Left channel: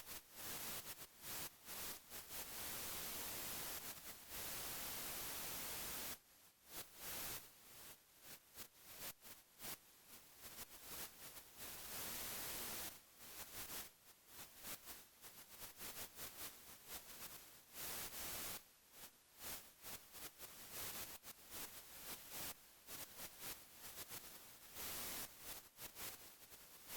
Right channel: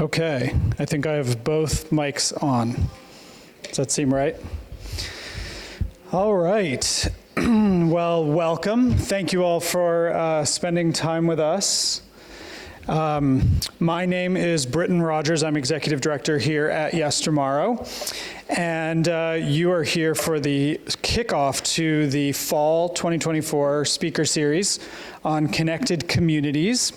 Okay, I think I have both mics on. Does that seem right? All right. Well, welcome. Thank you all for spending time with us. My name is Britton Rogers. I'm Executive Director here at Yestermorrow. And you are here for the kickoff to the Fall 2024 Speaker Series on Connected Communities.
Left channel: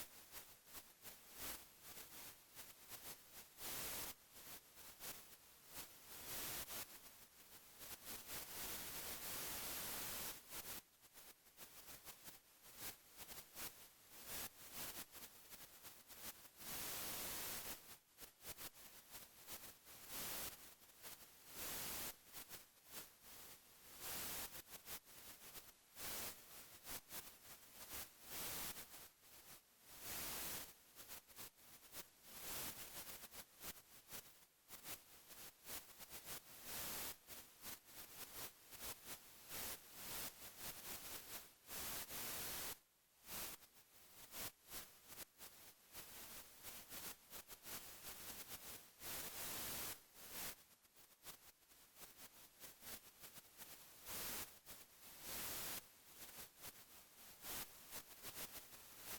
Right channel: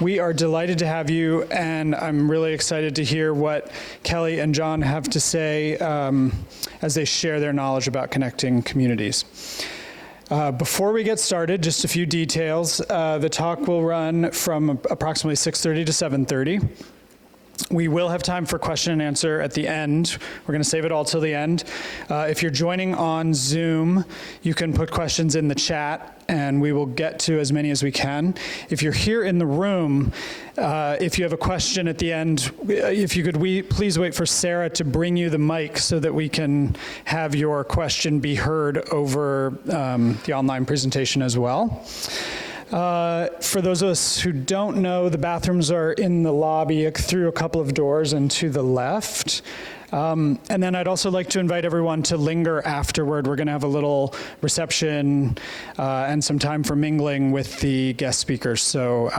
We are delighted to have you, and I'm really excited to hear what Kelly and Jon have to say as they share their knowledge about connecting communities. Before we get started, just a few details. The talk will run from approximately 6:30 to 7:30. We will have time for question and answer at the end. We're going to save it all till the end. If you're joining on Zoom, you can put questions in the chat, and we will get to as many as we can. If you're here in the room, if you have a question at the end, if you could please wait for Sarah to bring you the mic so that we can have your question be heard over the online presentation as well. For those of us who don't know, the bathrooms are in the lobby through a couple of doors and to the left. And then I'd also like to invite everyone to linger afterward. We're going to have a little reception and some time for mingling with the guest speakers. So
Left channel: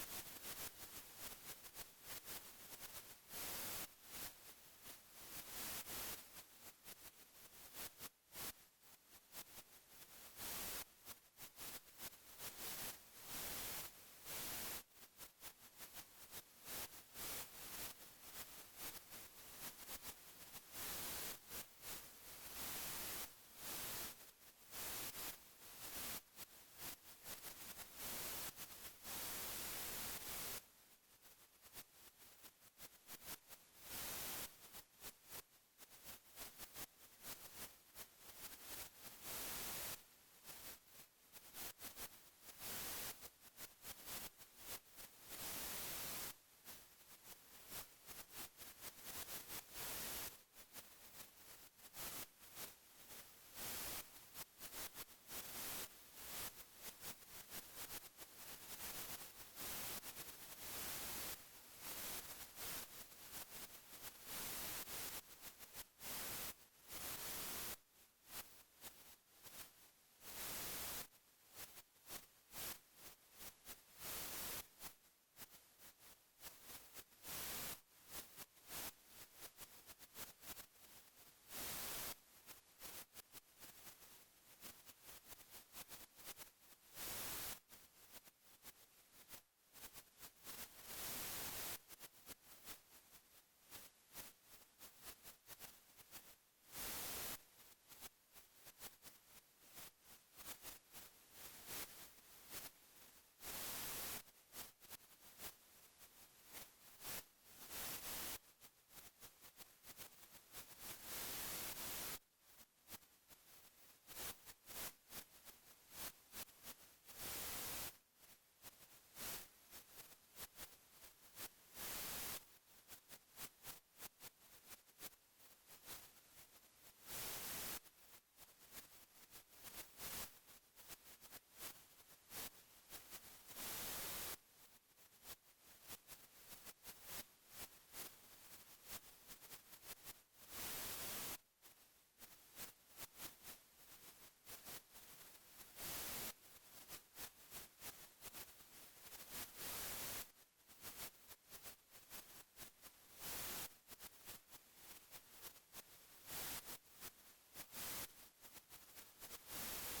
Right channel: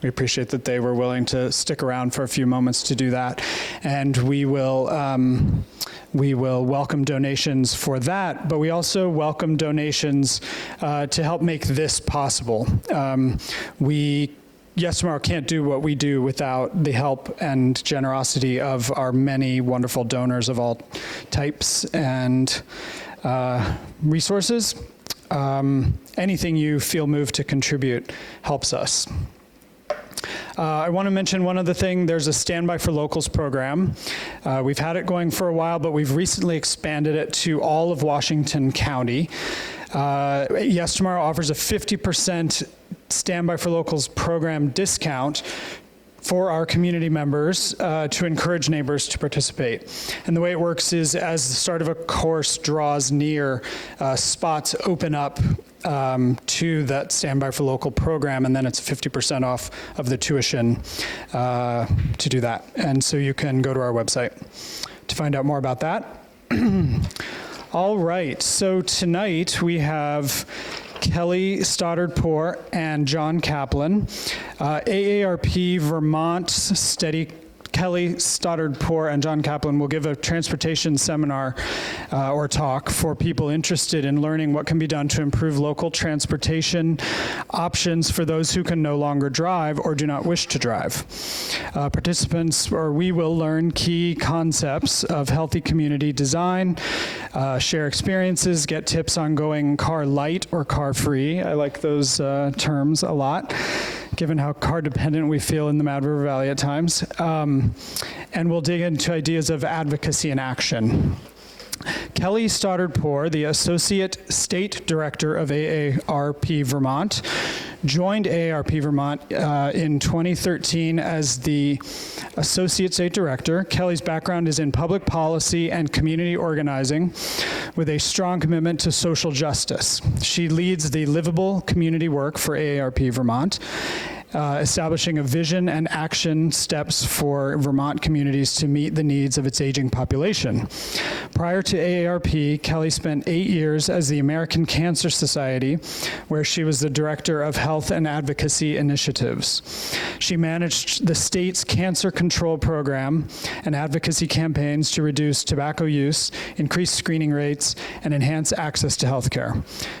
we appreciate that they were willing to stick around for a few moments to do that. And we will welcome donations for that, but we also welcome donations to help make this possible. Yestermorrow can't do what we do without the help and generosity of our many wonderful donors of all types and resources. Anything you feel moved to contribute helps us. I want to mention one other thing. There's a Standby for Locals program. We've had it going for a while, but we've recently expanded it to all of Washington County. Yestermorrow offers a 50% Standby for Locals program discount for our community members to encourage neighbors to participate. And the way it works is as the start of a course draws near, spots open up to that Standby for Local program, and then it's 50% off of the tuition to do that. And so you can go to our website to find out more about that. All right, so tonight we have Kelly Stoddard-Poor and Jon Kaplan, AARP Vermont Steady. Kelly Stoddard-Poor and Jon Kaplan will give a transportation seminar or talk for people interested in learning what can be done to improve local transportation options for those who can no longer drive or do not wish to drive. We will learn key concepts of healthy community design, share experiences, get tips on going car light or car free. I like those terms a lot, given how car dependent we feel in the Mad River Valley at times. And we'll dig into ideas of advocacy and action. Kelly Stoddard-Poor, the Associate State Director of AARP Vermont, joined AARP Vermont in 2013 as the Associate State Director. Kelly's background is in public policy and community organizing with a strong commitment to social justice. She leads the livable community work for AARP Vermont, establishing a vision and action steps for Vermont communities to meet the needs of its aging population. Prior to AARP, Kelly spent 8 years as the American Cancer Society, where she was the Director of Health and Advocacy Initiatives. She managed the state's cancer control program and advocacy campaigns to reduce tobacco use, increase screening rates, and enhance access to health care.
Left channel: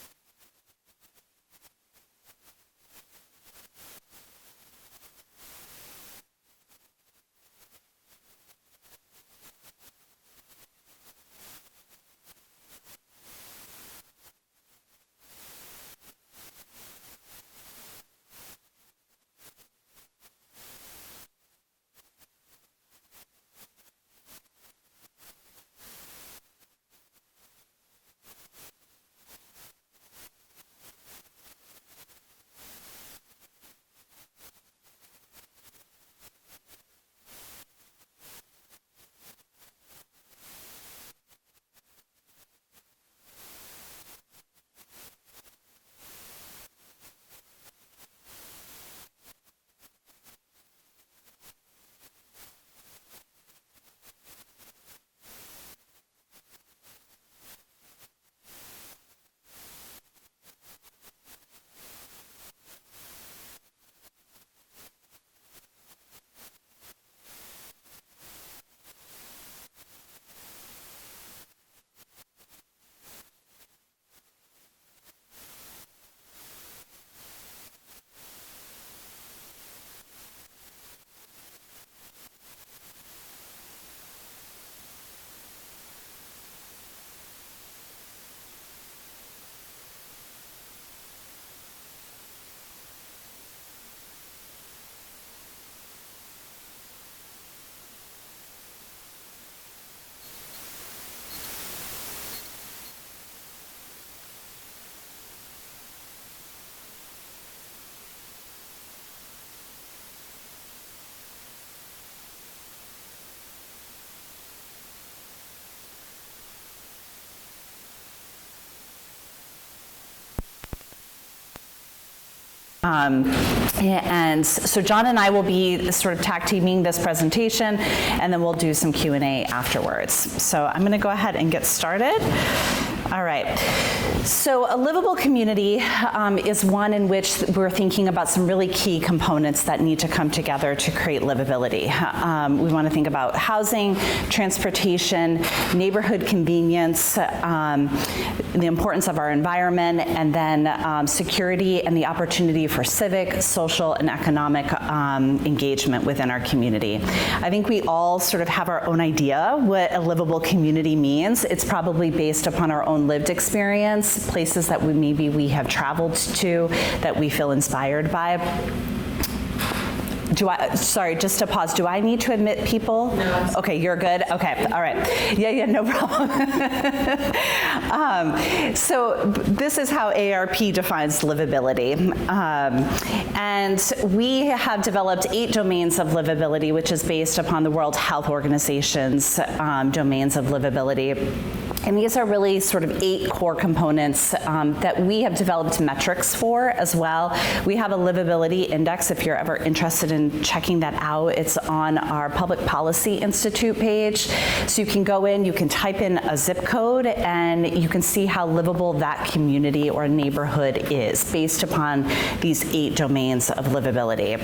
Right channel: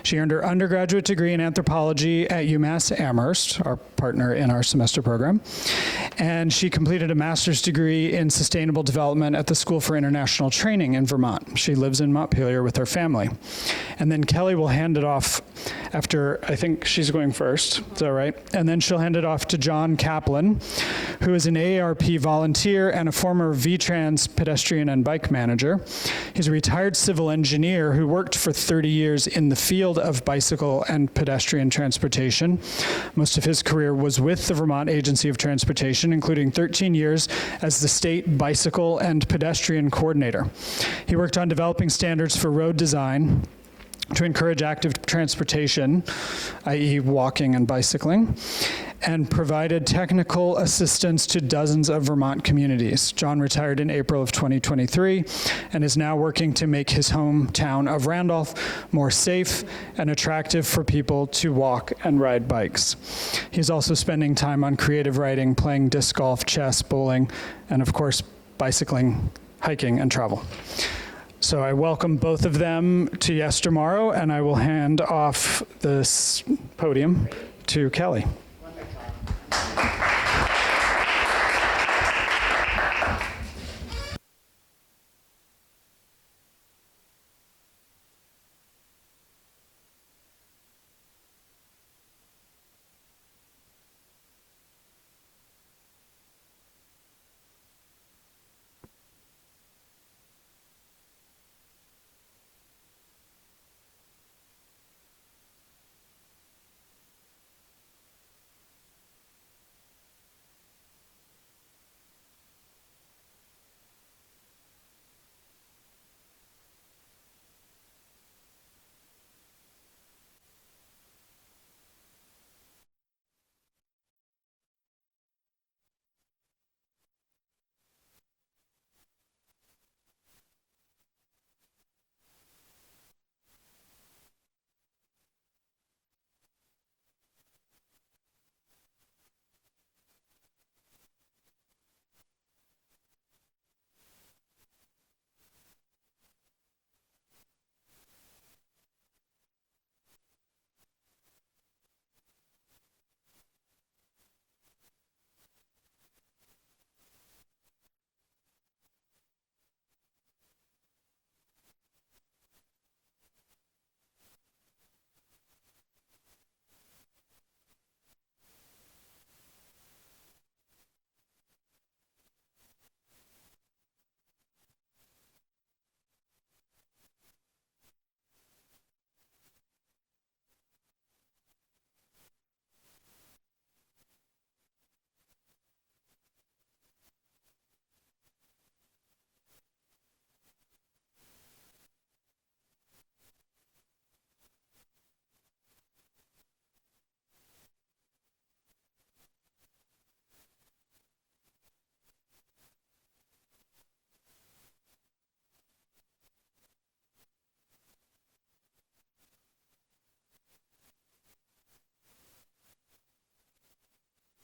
She earned her undergraduate degree in anthropology at UMass Amherst, our partner in our semester program, and she completed a master's degree in sustainable development at the School for International Training in Vermont. She lives in Montpelier with her family. And then Kelly will hand it off after, I think she's going first, is that right? And then she'll hand it off to Jon Kaplan, who is an AARP volunteer and a former VTrans pedestrian and bike manager. He's a retired civil engineer who worked for 30 years in the field of bicycle and pedestrian transportation. Most of his career was with the Vermont Agency of Transportation, including 13 years as the state bicycle and pedestrian coordinator. He worked on developing standards for road design to encourage active transportation, i.e. walking and bicycling, and provided technical assistance to dozens of Vermont communities. Jon retired in April of 2023 and is now working to make his hometown of Randolph more safe and attractive for people to walk and ride bikes. He's also spending time on creative writing, playing disc golf, chess, bowling, and of course, bicycling, hiking, and travel. So I welcome both of them to Yestermorrow, and I will hand off this podium to Kelly. And so Jon and I will be sort of tag teaming this presentation, and then we'll do some Q&A afterwards. So I'm going to go ahead and get started. All right. So a livable community is one in which we're thinking about some really key components that need to come together to create livability. We want to think about housing, transportation, neighborhood convenience, the importance of our environment, and then security and the opportunity for civic, social, and economic engagement within our community. I think we all sort of have our own idea what a livable community means. It's probably based upon our own lived experience, places that maybe we have traveled to that we feel inspired by. Sorry, just to pause, do I need to admit people? No. Okay, you're good? Okay, all right. Yeah, no problem. So this is how ARP defines livability. And we have developed 8 domains of livability, which is based upon the World Health Organization's domains of livability. And these are really sort of 8 core components that we have developed metrics for as well. We have a livability index if you're ever interested in checking that out. It's on our Public Policy Institute page. So you can go in, you can type in a zip code, and you can see how livable that community or neighborhood is based upon these 8 domains of livability.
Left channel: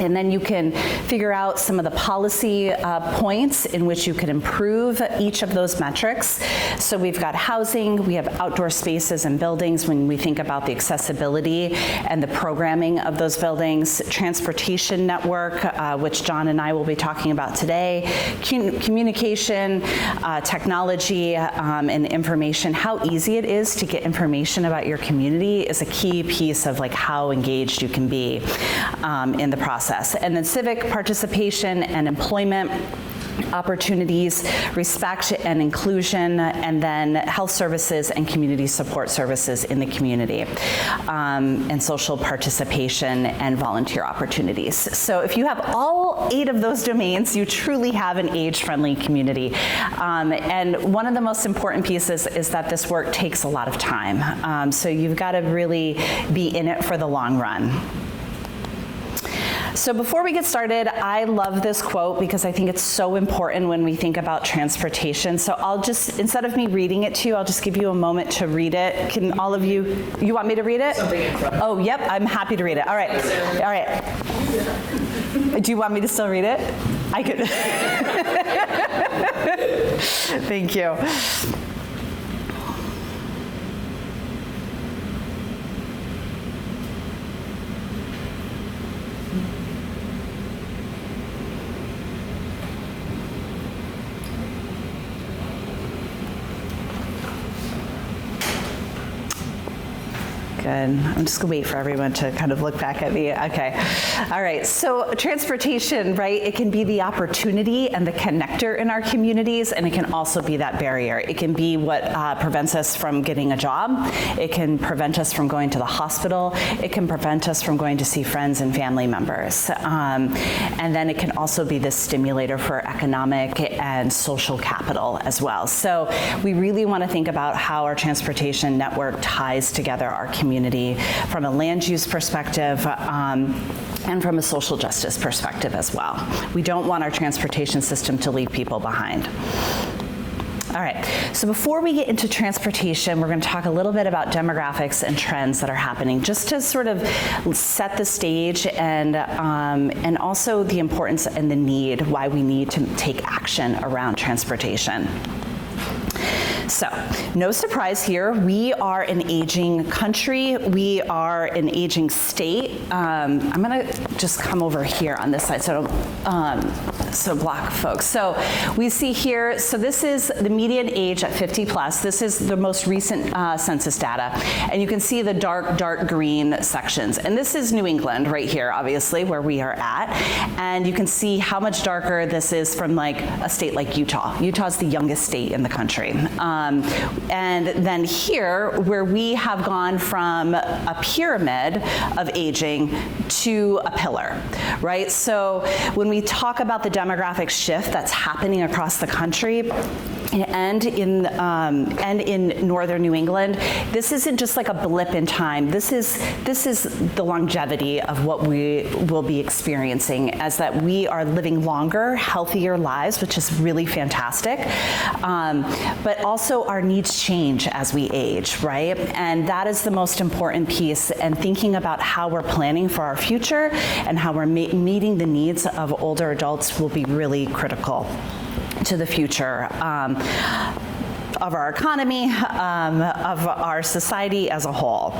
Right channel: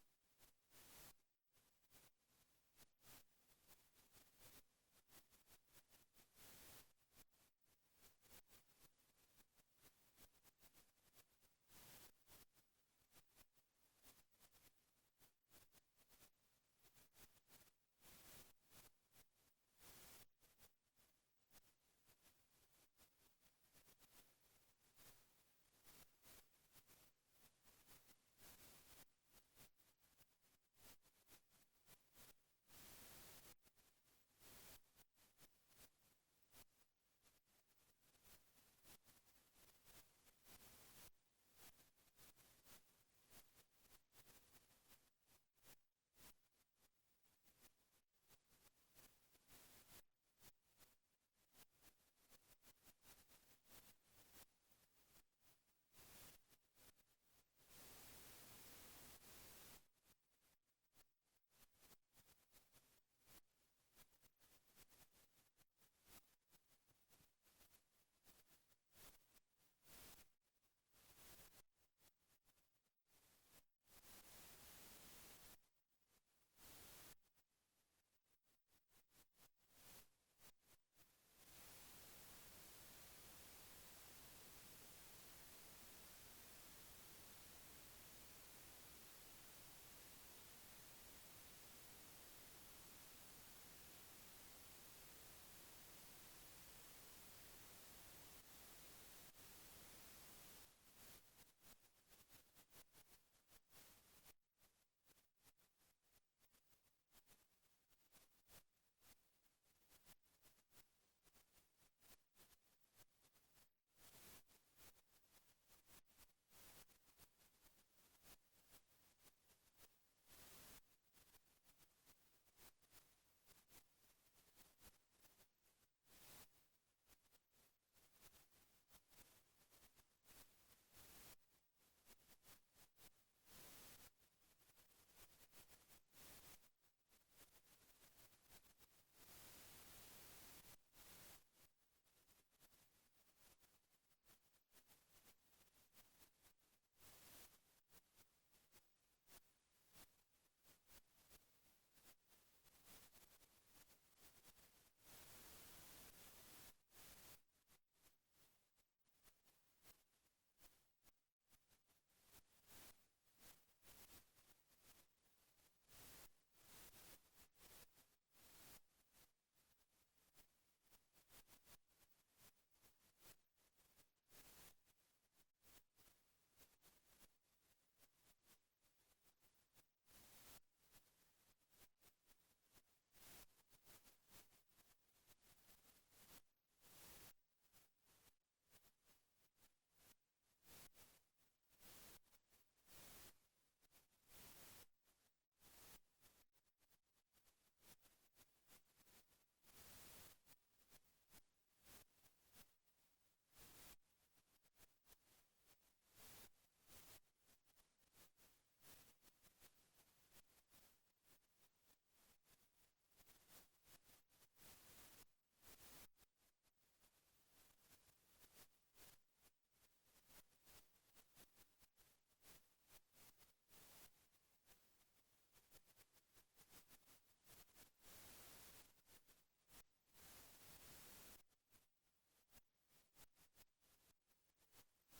And then you can figure out some of the policy points in which you can improve each of those metrics. So we've got housing, we have outdoor spaces and buildings when we think about the accessibility and the programming of those buildings, transportation network, which Jon and I will be talking about today, communication, technology, and information. How easy it is to get information about your community is a key piece of like how engaged you can be in the process. And then civic participation and employment opportunities, respect and inclusion, and then health services and community support services in the community, and social participation and volunteer opportunities. So if you have all 8 of those domains, you truly have an age-friendly community. And one of the most important pieces is that this work takes a lot of time. So you've got to really be in it for the long run. So before we get started, I love this quote because I think it's so important when we think about transportation. So I'll just, instead of me reading it to you, I'll just give you a moment to read it. Can all of you want me to read it? Something in front. Oh, yep, I'm happy to read it. All right, all right. Do you want me to still read it? I could. Thank you. Good. I'm just gonna wait for everyone to kind of look back at me. Okay. All right. So transportation, right? It can be the opportunity and the connector in our communities, and it can also be that barrier. It can be what prevents us from getting a job. It can prevent us from going to the hospital. It can prevent us from going to see friends and family members. And then it can also be this stimulator for economic and social capital as well. So we really want to think about how our transportation network ties together our communities community from a land use perspective and from a social justice perspective as well. We don't want our transportation system to leave people behind. All right, so before we get into transportation, we're going to talk a little bit about demographics and trends that are happening, just to sort of set the stage and also the importance and the need, why we need to take action around transportation. So, no surprise here, we are an aging country, we are an aging state. I'm gonna just come over here on this side so block folks. So we see here, so this is the median age at 50 plus. This is the most recent census data. And you can see the dark green sections. And this is New England right here, obviously, where we are at. And you can see how much darker this is from like a state like Utah. Utah's the youngest state in the country. And then here, where we have gone from a pyramid of aging to a pillar, right? So when we talk about the demographic shift that's happening across the country, and in northern New England, this isn't just like a blip in time. This is the longevity of what we will be experiencing, as that we are living longer, healthier lives, which is really fantastic. But also our needs change as we age, right? And that is the most important piece. And thinking about how we're planning for our future and how we're meeting the needs of older adults will be really critical to the future of our economy, of our society as a whole.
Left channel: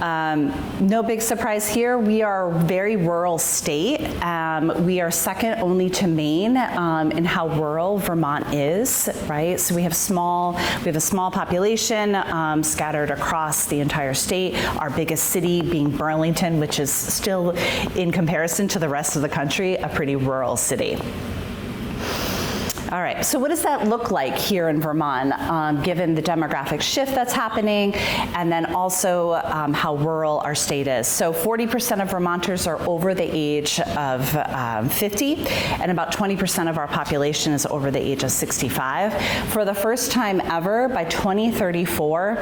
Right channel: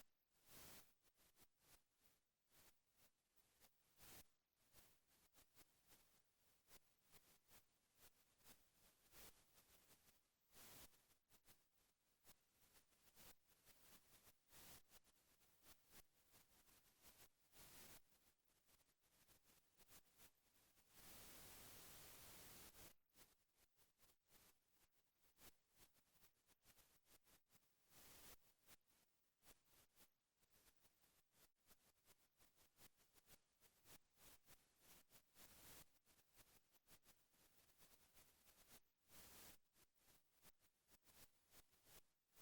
No big surprise here. We are a very rural state. We are second only to Maine in how rural Vermont is, right? So we have a small population scattered across the entire state. Our biggest city being Burlington, which is still, in comparison to the rest of the country, a pretty rural city. All right, so what does that look like here in Vermont, given the demographic shift that's happening, and then also how rural our state is? So 40% of Vermonters are over the age of 50, and about 20% of our population is over the age of 65. For the first time ever, by 2034,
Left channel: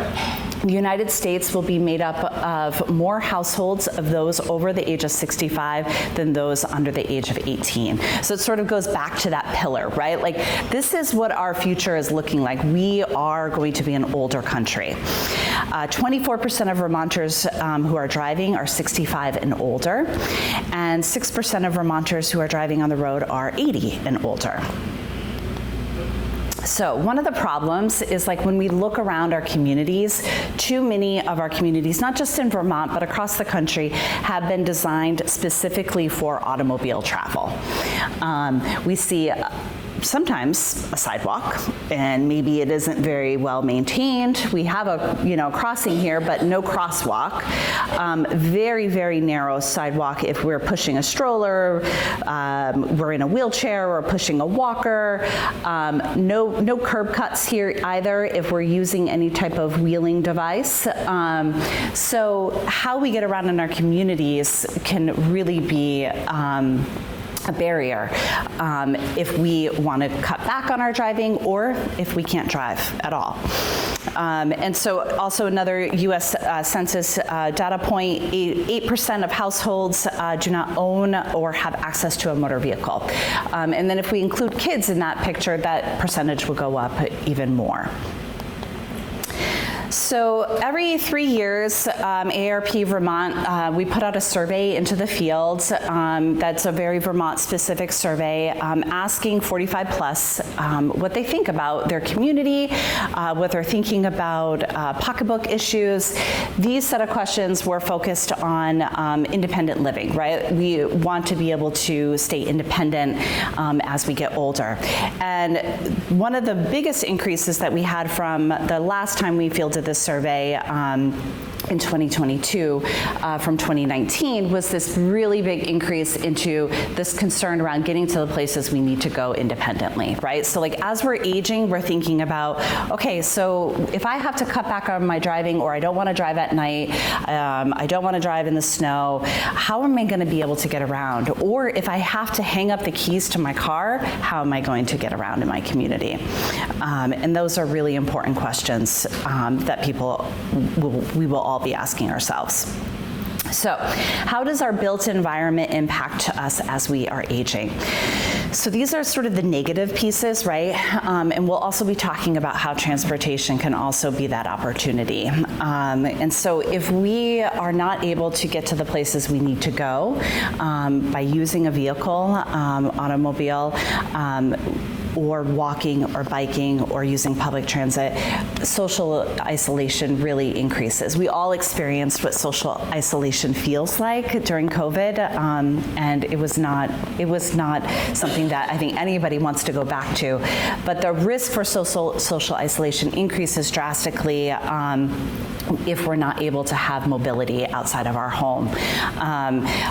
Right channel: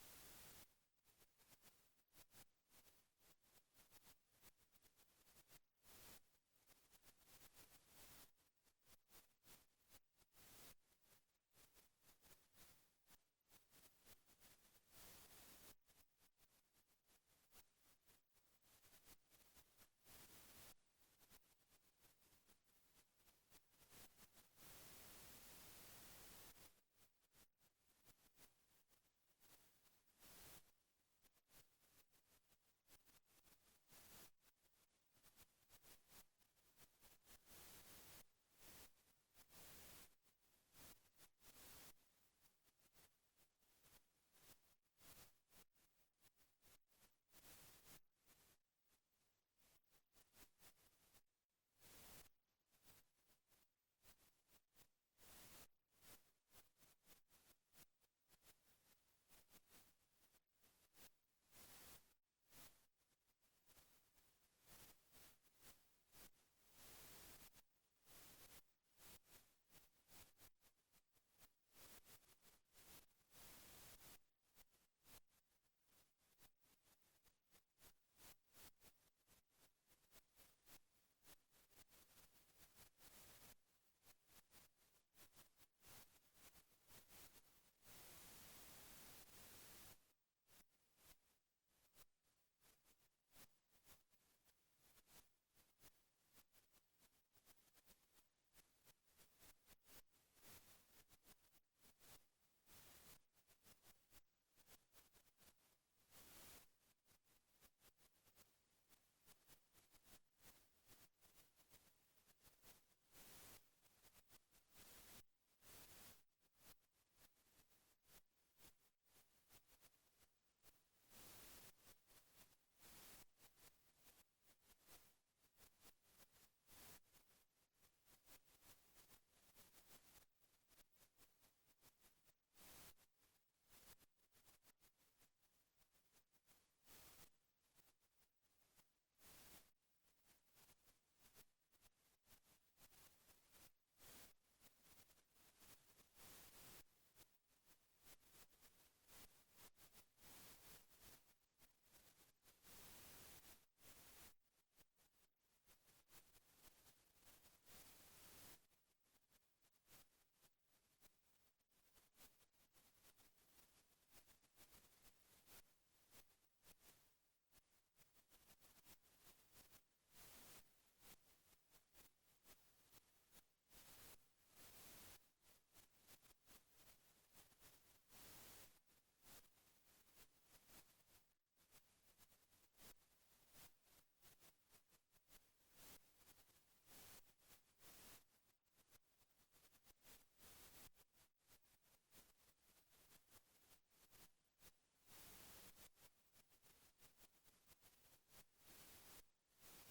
the United States will be made up of more households of those over the age of 65 than those under the age of 18. So it sort of goes back to that pillar, right? Like, this is what our future is looking like. We are going to be an older country. 24% of Vermonters who are driving are 65 and older, and 6% of Vermonters who are driving on the road are 80 and older. So one of the problems is, like, when we look around our communities, too many of our communities, not just in Vermont, but across the country, have been designed specifically for automobile travel. We see sometimes a sidewalk, and maybe it isn't very well maintained. We have a crossing here, but no crosswalk. Very, very narrow sidewalk if we're pushing a stroller, we're in a wheelchair, or pushing a walker. No curb cuts here either if we're using any type of wheeling device. So how we get around in our communities can really be a barrier if we want to cut back on our driving, or if we can't drive at all. And so also another U.S. Census data point, 8% of households do not own or have access to a motor vehicle. And then if we include kids in that picture, that percentage will go up even more. So every 3 years, AARP Vermont, we put out a survey into the field. That's a very Vermont-specific survey, asking 45 plus what they think about their community, what they're thinking about pocketbook issues. These set of questions were focused on independent living, right? We want to be able to stay independent as we get older. And one of the biggest increases that we had from the last time we fielded this survey in 2022 from 2019 was this really big increase into this concern around getting to the places we need to go independently, right? So, like, as we're aging, we're thinking about, okay, so if I have to cut back on my driving, or I don't want to drive at night, I don't want to drive in the snow, how am I going to be able to get around? Or if I have to hang up the keys to my car, how am I going to get around in my community? And those are really important questions that we will all be asking ourselves. So, how does our built environment impact us as we are aging? So these are sort of the negative pieces, right? And we'll also be talking about how transportation can also be that opportunity. And so if we are not able to get to the places we need to go by using a vehicle, automobile, or walking or biking or using public transit, social isolation really increases. We all experienced what social isolation feels like during COVID, and it was not something that I think anybody wants to go back to. But the risk for social isolation increases drastically if we're not able to have mobility outside of our home.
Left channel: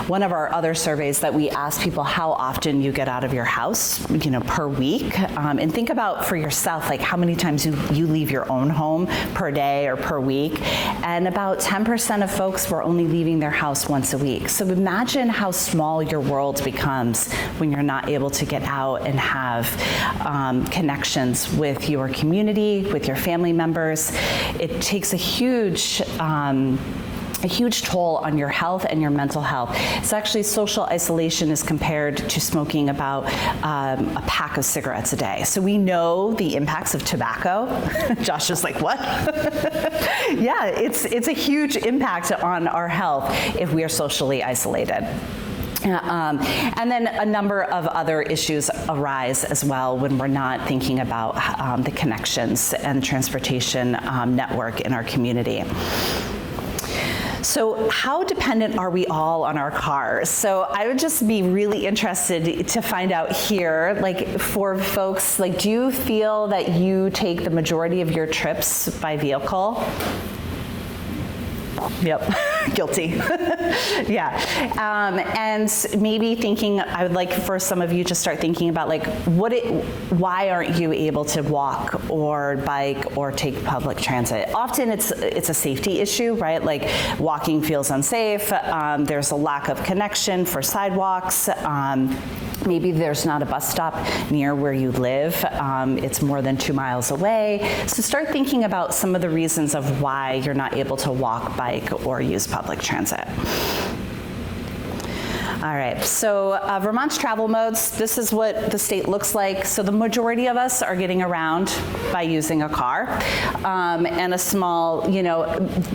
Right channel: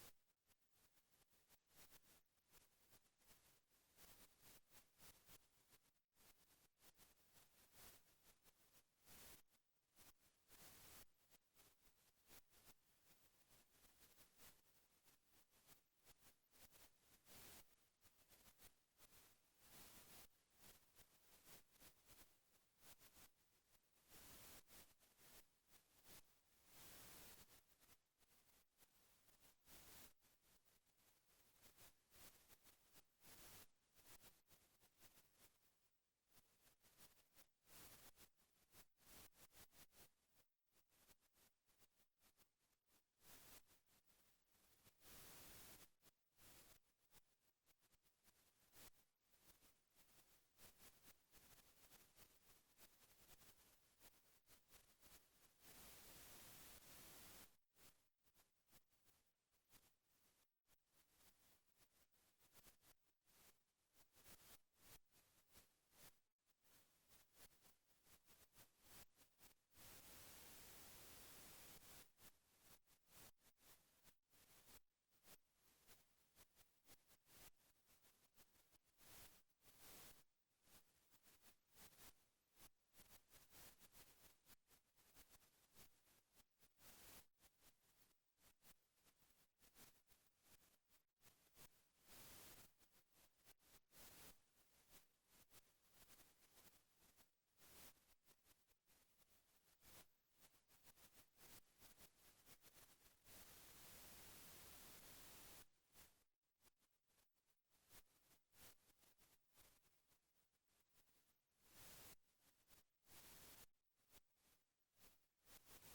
One of our other surveys that we asked people how often you get out of your house, per week, and think about for yourself, like how many times you leave your own home per day or per week, and about 10% of folks were only leaving their house once a week. So imagine how small your world becomes when you're not able to get out and have connections with your community, with your family members. It takes a huge toll on your health and your mental health. It's actually, social isolation is compared to smoking about a pack of cigarettes a day. So we know the impacts of tobacco. Josh is like, what? Yeah, it's a huge impact on our health if we are socially isolated. And then a number of other issues arise as well when we're not thinking about the connections and transportation network in our community. So how dependent are we all on our cars? So I would just be really interested to find out here, like for folks, like do you feel that you take the majority of your trips by vehicle? Yep, guilty. Yeah, and maybe thinking, I would like for some of you to start thinking about like, why aren't you able to walk or bike or take public transit? Often it's a safety issue, right? Like walking feels unsafe. There's a lack of connection for sidewalks. Maybe there's not a bus stop near where you live. It's more than 2 miles away. So start thinking about some of the reasons of why you're not able to walk, bike, or use public transit. All right, so Vermont's travel modes, this is what the state looks like. So the majority of us are getting around by using a car and a small,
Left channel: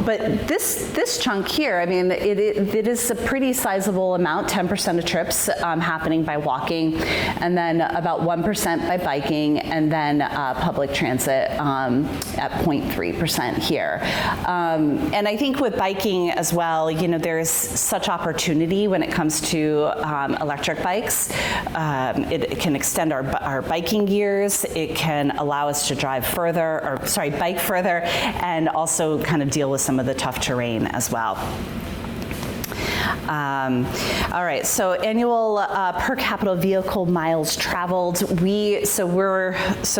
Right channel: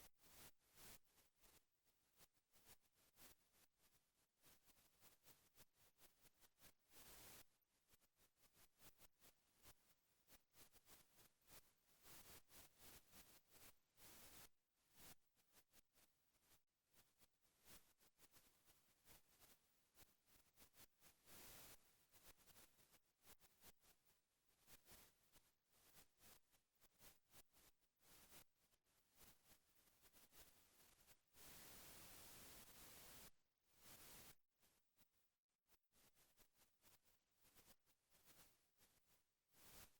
but this chunk here, I mean, it is a pretty sizable amount, 10% of trips happening by walking, and then about 1% by biking, and then public transit at 0.3% here. And I think with biking as well, there's such opportunity when it comes to electric bikes. It can extend our biking years. It can allow us to bike further, and also kind of deal with some of the tough terrain as well. All right, so annual per capita vehicle miles traveled. So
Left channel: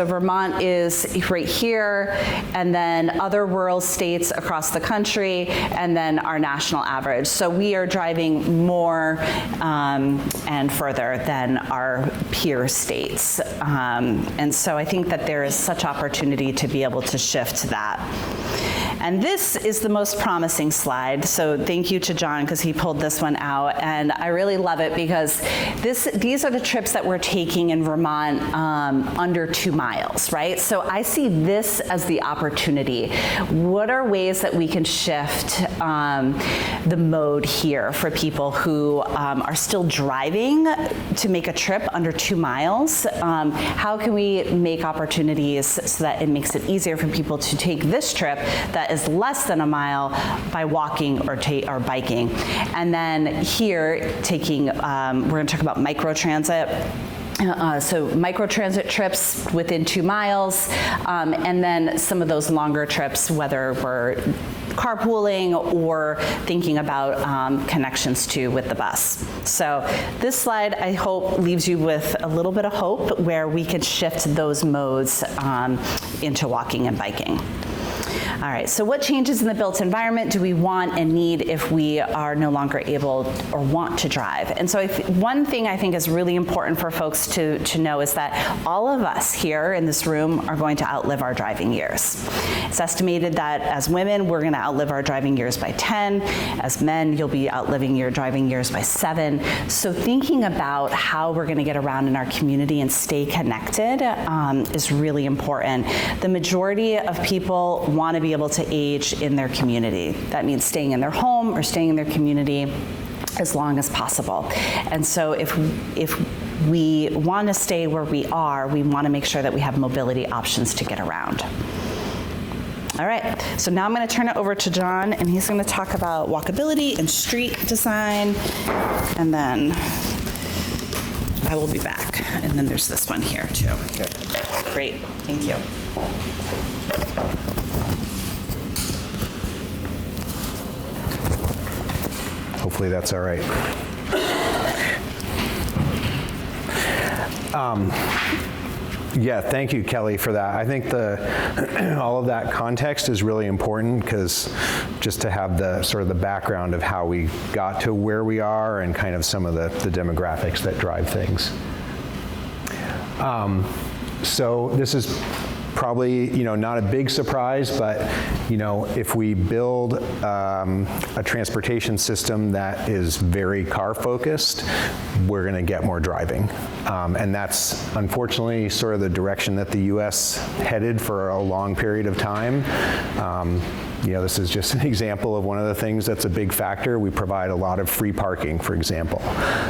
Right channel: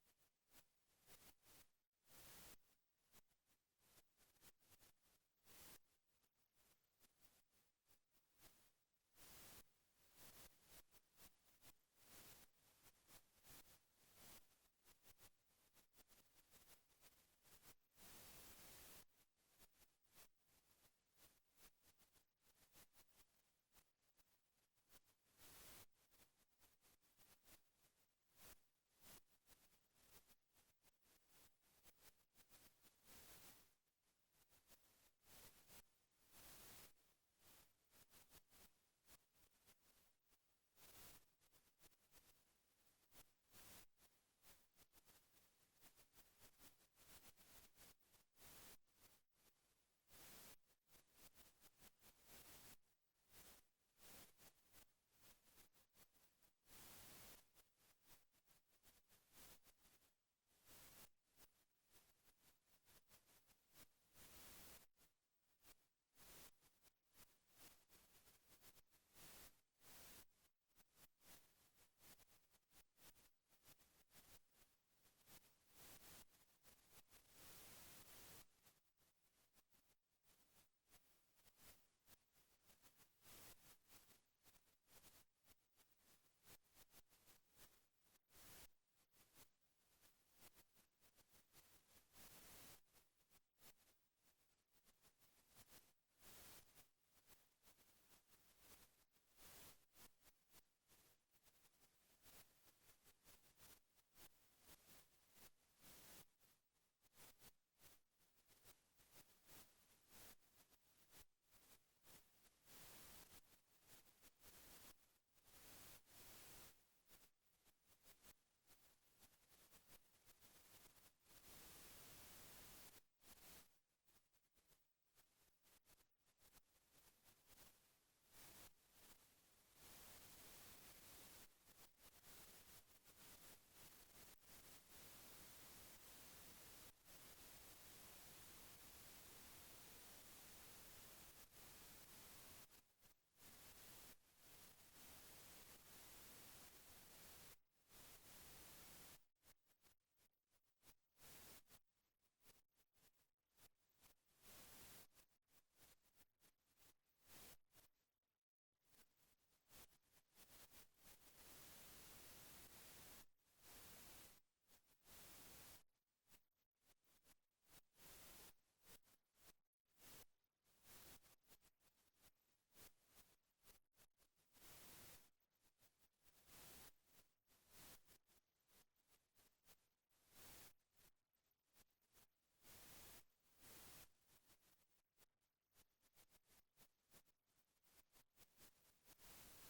Vermont is right here, and then other rural states across the country, and then our national average. So we are driving more and further than our peer states. And so I think that there is such opportunity to be able to shift that. And this is the most promising slide. So thank you to Jon, because he pulled this one out. And I really love it because these are the trips that we're taking in Vermont under 2 miles, right? So I see this as the opportunity. What are ways that we can shift the mode here for people who are still driving to make a trip under 2 miles? How can we make opportunities so that it makes it easier for people to take this trip that is less than a mile by walking or biking? And then here, we're going to talk about microtransit. So microtransit trips within 2 miles, and then some of those longer trips, whether we're carpooling or thinking about connections with the bus. So this slide, I hope, leaves you with a little bit of hope where we could shift those modes into walking and biking. All right, so what changes in the built environment do we want and need if we are no longer able or want to drive? And so one thing I think is really important for folks to know is that all of us here in this room are going to outlive our driving years. It's estimated that as women, we're going to outlive our driving years by 10. As men, you'll be outliving your driving years by 7. So thinking about how we're going to get around in our community and stay connected is really important. The majority of people want to be able to age in their community. That means staying in their home or staying in their community as long as possible. And so if we want to stay where we are, we want to make sure that we have mobility options to get around. All right, so now I'm going to turn it over to Jon, and he's going to talk about walkability and street design, and then I will be back. And then there's this one here too. Okay. Great, thank you. Hopefully that's all right. Yeah, thank you, Kelly, for that. I think all of that context is really important, because just to have the sort of the background of how we got to where we are and kind of some of the demographics that drive things. So this is probably, not a big surprise, but, if we build a transportation system that is very car-focused, we're going to get more driving. And that's unfortunately sort of the direction that the U.S. headed for a long period of time. This is just an example of one of the things that's a big factor. We provide a lot of free parking, for example.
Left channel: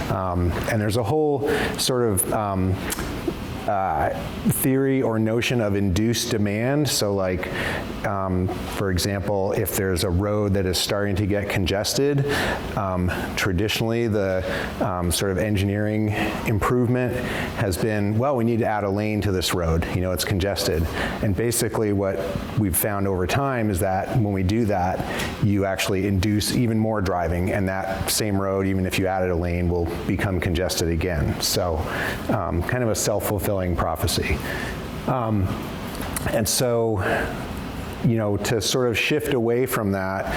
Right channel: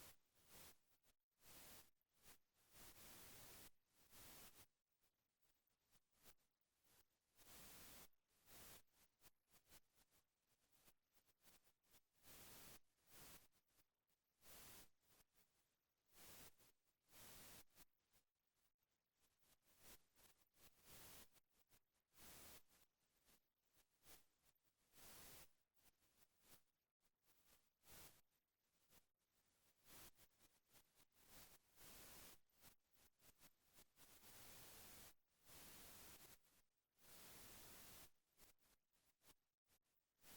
And there's a whole sort of theory or notion of induced demand. So like, for example, if there's a road that is starting to get congested, traditionally the sort of engineering improvement has been, well, we need to add a lane to this road, it's congested. And basically what we've found over time is that when we do that, you actually induce even more driving, and that same road, even if you added a lane, will become congested again. So kind of a self-fulfilling prophecy. And so, to sort of shift away from that,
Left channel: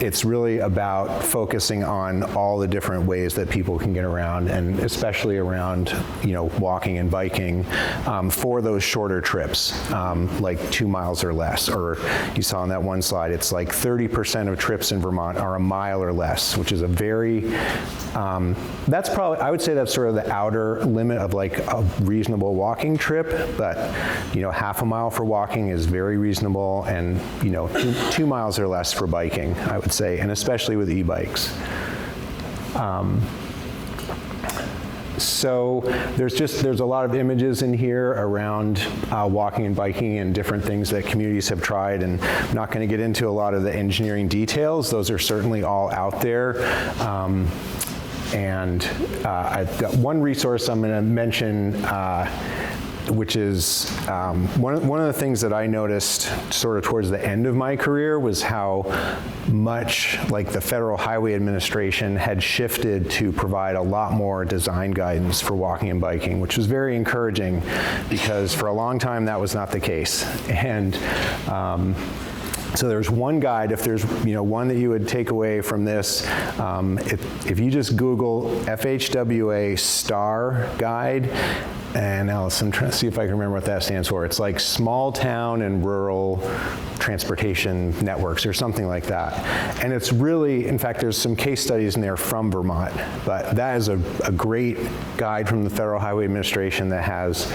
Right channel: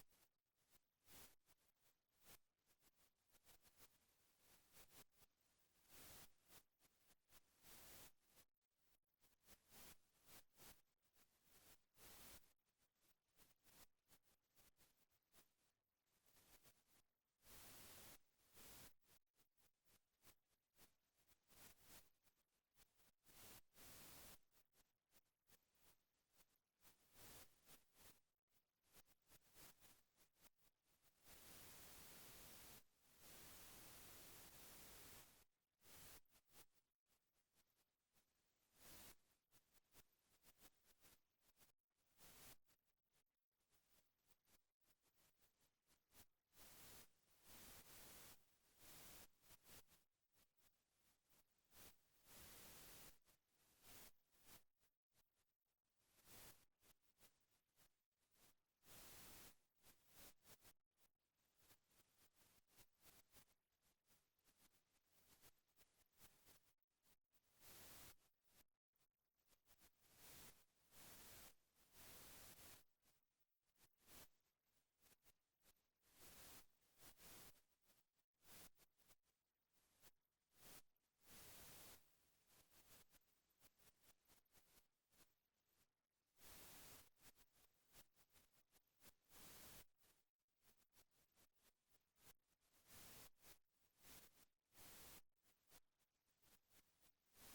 it's really about focusing on all the different ways that people can get around, and especially around, walking and biking for those shorter trips, like 2 miles or less. Or you saw on that one slide, it's like 30% of trips in Vermont are a mile or less, which is a very, that's probably, I would say that's sort of the outer limit of like a reasonable walking trip, but, half a mile for walking is very reasonable, and, 2 miles or less for biking, I would say, and especially with e-bikes. So there's a lot of images in here around walking and biking and different things that communities have tried, and I'm not going to get into a lot of the engineering details. Those are certainly all out there. And I've got one resource I'm going to mention, which is one of the things that I noticed sort of towards the end of my career was how much like the Federal Highway Administration had shifted to provide a lot more design guidance for walking and biking, which was very encouraging, because for a long time that was not the case. And so there's one guide, if there's one that you would take away from this, if you just Google FHWA STAR guide, and Alice, I'm trying to see if I can remember what that stands for. It's like Small Town and Rural Transportation Networks or something like that. And it's really, in fact, there's some case studies in there from Vermont, but that is a great guide from the Federal Highway Administration that has,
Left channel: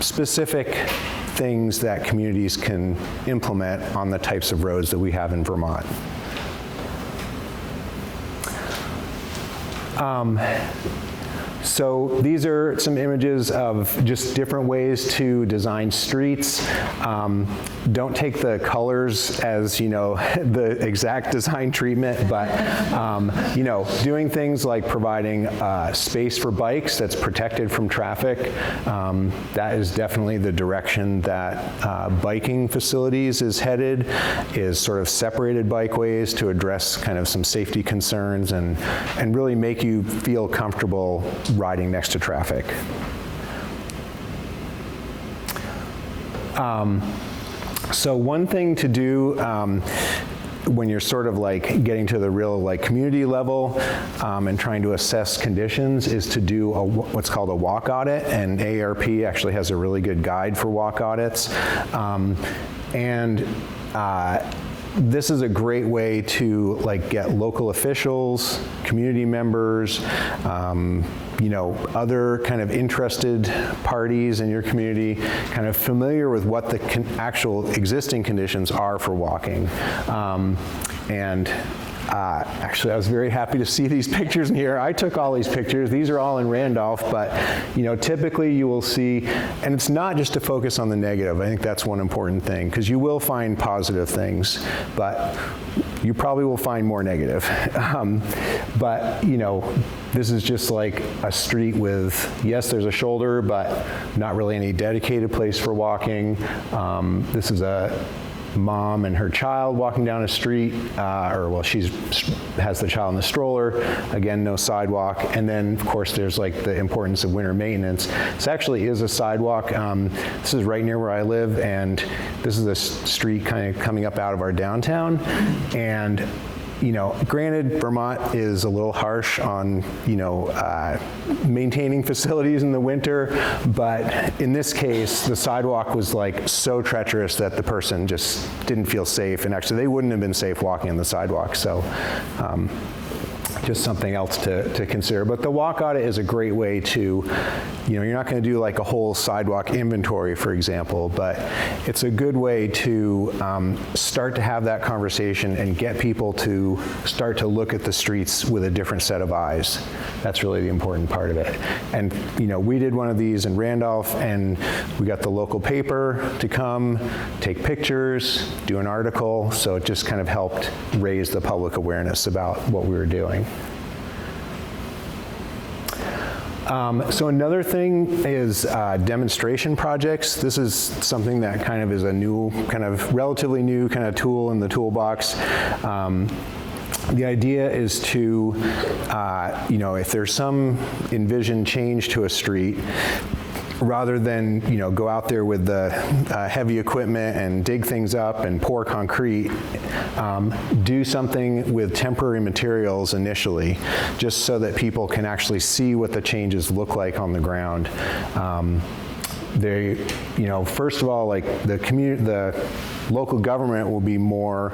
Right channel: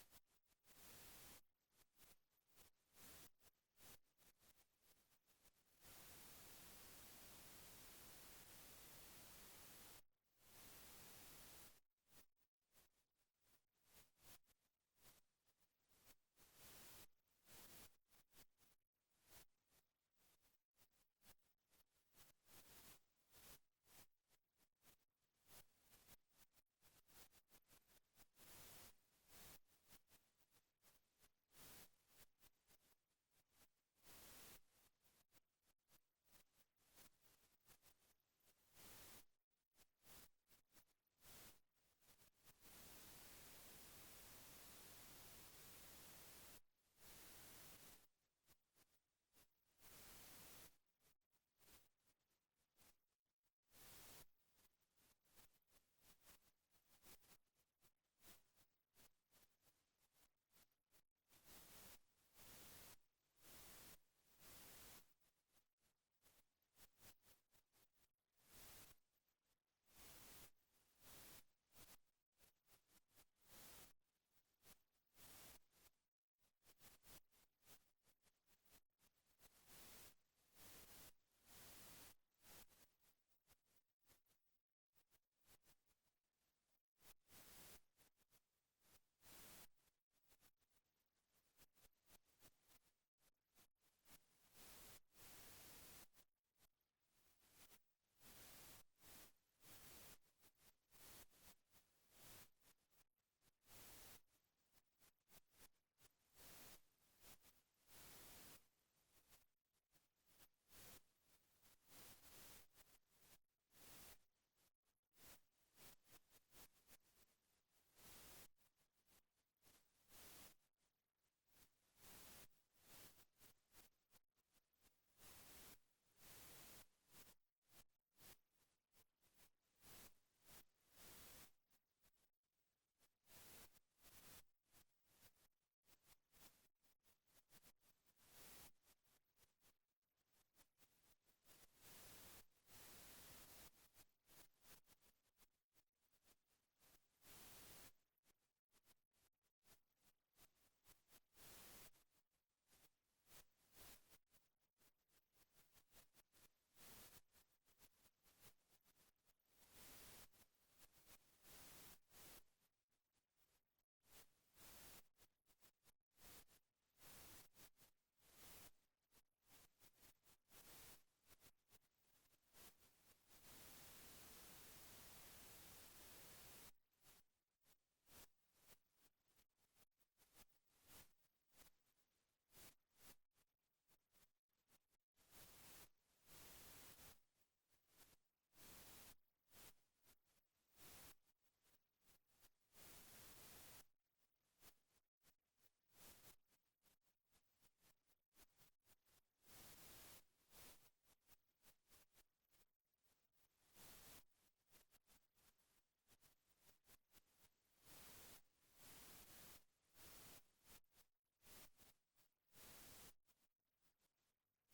specific things that communities can implement on the types of roads that we have in Vermont. So these are some images of just different ways to design streets. Don't take the colors as, the exact design treatment, but, doing things like providing space for bikes that's protected from traffic. That is definitely the direction that biking facilities is headed, is sort of separated bikeways to address kind of some safety concerns and really make you feel comfortable riding next to traffic. So one thing to do when you're sort of like getting to the real like community level and trying to assess conditions is to do what's called a walk audit, and AARP actually has a really good guide for walk audits. This is a great way to like get local officials, community members, you know, other kind of interested parties in your community kind of familiar with what the actual existing conditions are for walking. Actually, I was very happy to see these pictures in here. I took all these pictures. These are all in Randolph, but you know, typically you will see, and it's not just to focus on the negative. I think that's one important thing, because you will find positive things, but you probably will find more negative. But you know, this is just like a street with, yes, there's a shoulder, but not really any dedicated place for walking. This is a mom and her child walking down a street, she has the child in the stroller. Again, no sidewalk. And then, of course, there's like the importance of winter maintenance. This actually is a sidewalk. This is right near where I live, and this is a street kind of coming up out of our downtown. And you know, granted, Vermont is a little harsh on, you know, maintaining facilities in the winter, but in this case, the sidewalk was like so treacherous that the person just didn't feel safe, and actually they wouldn't have been safe walking on the sidewalk, so just something else to consider. But the walk audit is a great way to, you know, you're not going to do like a whole sidewalk inventory, for example, but it's a good way to start to have that conversation and get people to start to look at the streets with a different set of eyes. That's really the important part of it. And, you know, we did one of these in Randolph, and we got the local paper to come, take pictures, do an article, so it just kind of helped raise the public awareness about what we were doing. So another thing is demonstration projects. This is something that kind of is a new, kind of relatively new kind of tool in the toolbox. The idea is to, you know, if there's some envisioned change to a street, rather than, you know, go out there with the heavy equipment and dig things up and pour concrete, do something with temporary materials initially, just so that people can actually see what the changes look like on the ground. They, you know, first of all, like the local government will be more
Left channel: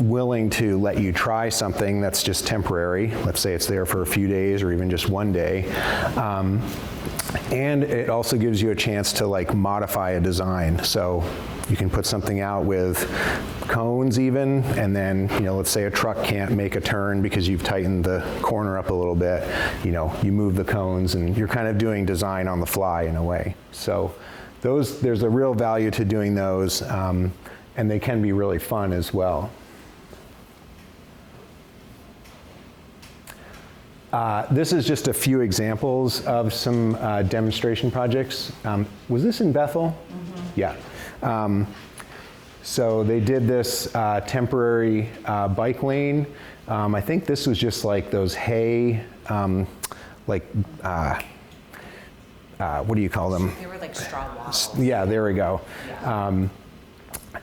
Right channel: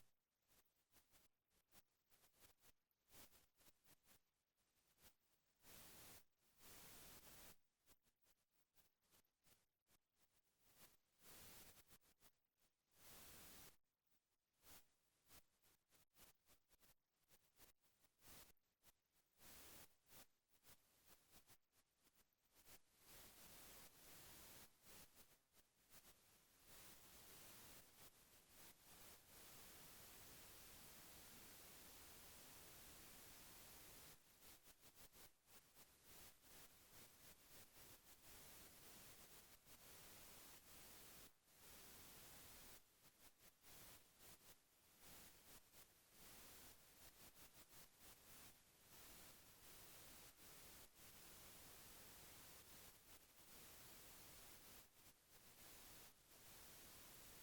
willing to let you try something that's just temporary. Let's say it's there for a few days or even just one day. And it also gives you a chance to like modify a design. So you can put something out with cones even, and then, you know, let's say a truck can't make a turn because you've tightened the corner up a little bit. You know, you move the cones, and you're kind of doing design on the fly in a way. So there's a real value to doing those, and they can be really fun as well. This is just a few examples of some demonstration projects. Was this in Bethel? Mm-hmm. Yeah. So they did this temporary bike lane. I think this was just like those hay, what do you call them? They were like straw walls. Yeah, there we go. Yeah.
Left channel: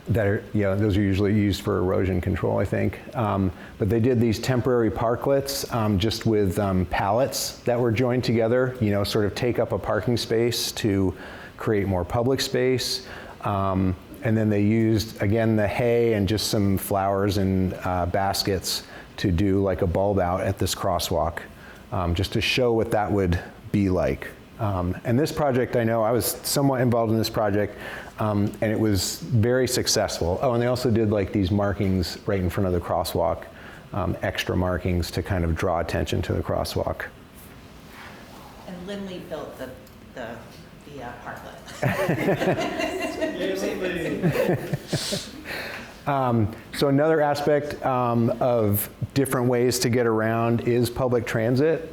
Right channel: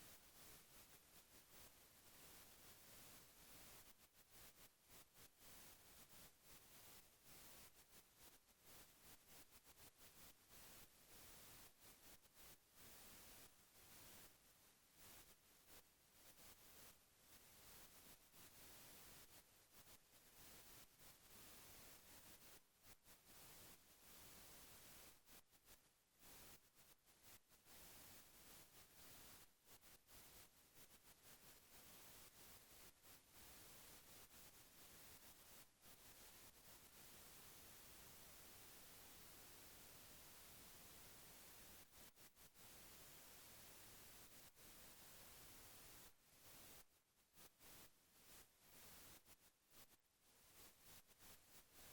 That are, yeah, those are usually used for erosion control, I think. But they did these temporary parklets just with pallets that were joined together, you know, sort of take up a parking space to create more public space. And then they used, again, the hay and just some flowers and baskets to do like a bulb out at this crosswalk, just to show what that would be like. And this project, I know, I was somewhat involved in this project, and it was very successful. Oh, and they also did like these markings right in front of the crosswalk, extra markings to kind of draw attention to the crosswalk. And Lindley built the parklet. So another aspect of different ways to get around is public transit.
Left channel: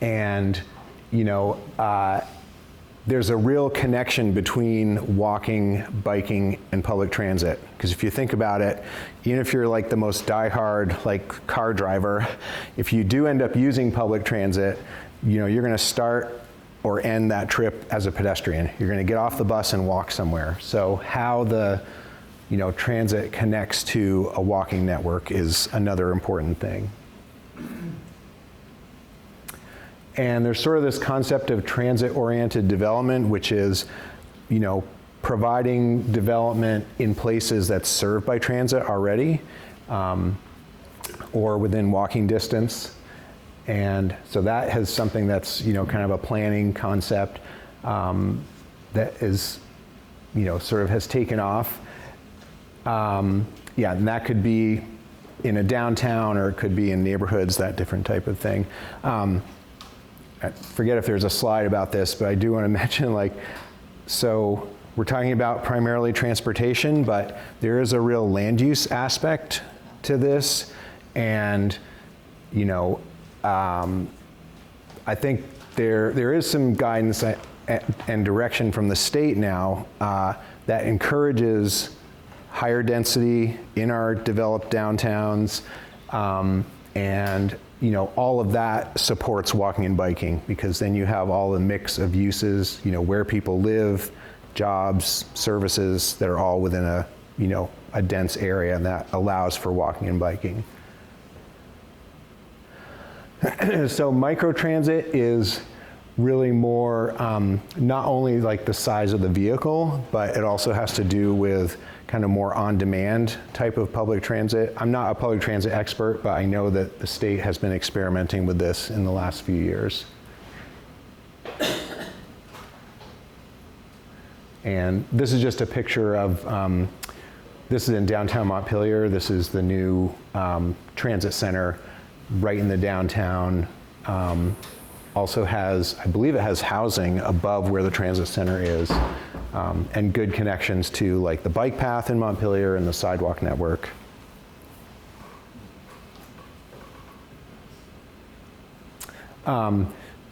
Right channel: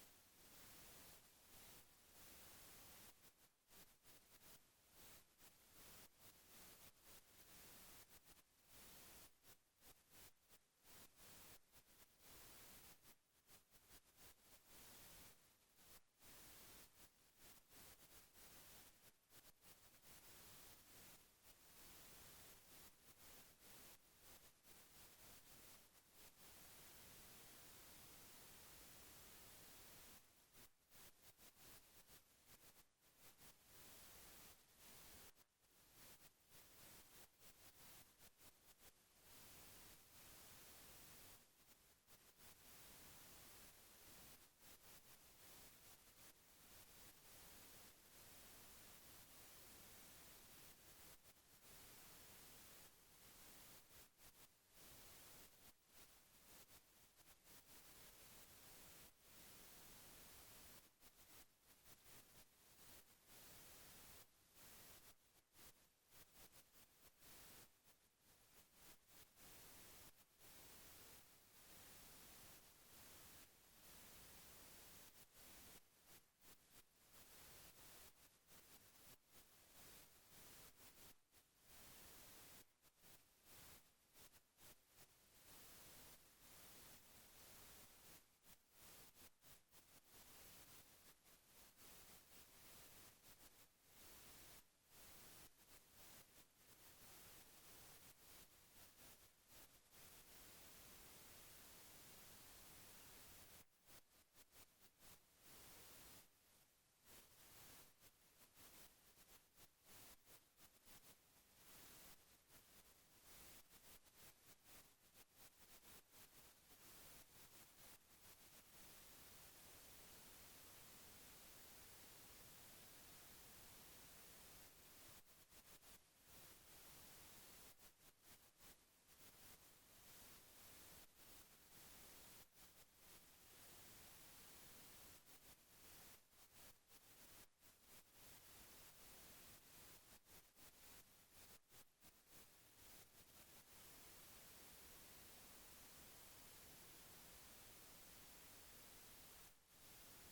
And, you know, there's a real connection between walking, biking, and public transit. Because if you think about it, even if you're like the most diehard like car driver, if you do end up using public transit, you know, you're going to start or end that trip as a pedestrian. You're going to get off the bus and walk somewhere. So how the transit connects to a walking network is another important thing. And there's sort of this concept of transit-oriented development, which is, providing development in places that's served by transit already, or within walking distance. And so that has something that's, kind of a planning concept that is, sort of has taken off. And that could be in a downtown, or it could be in neighborhoods, that different type of thing. I forget if there's a slide about this, but I do want to mention, so we're talking about primarily transportation, but there is a real land use aspect to this. And, I think there is some guidance and direction from the state now that encourages higher density in our developed downtowns, and all of that supports walking and biking, because then you have all the mix of uses, where people live, jobs, services that are all within a dense area, and that allows for walking and biking. So microtransit is really more not only the size of the vehicle, but it also has to do with kind of more on-demand type of public transit. I'm not a public transit expert, but I know that the state has been experimenting with this in the last few years. And this is just a picture of, this is in downtown Montpelier. This is the new transit center right in the downtown. Also has, I believe it has housing above where the transit center is, and good connections to the bike path in Montpelier and the sidewalk network.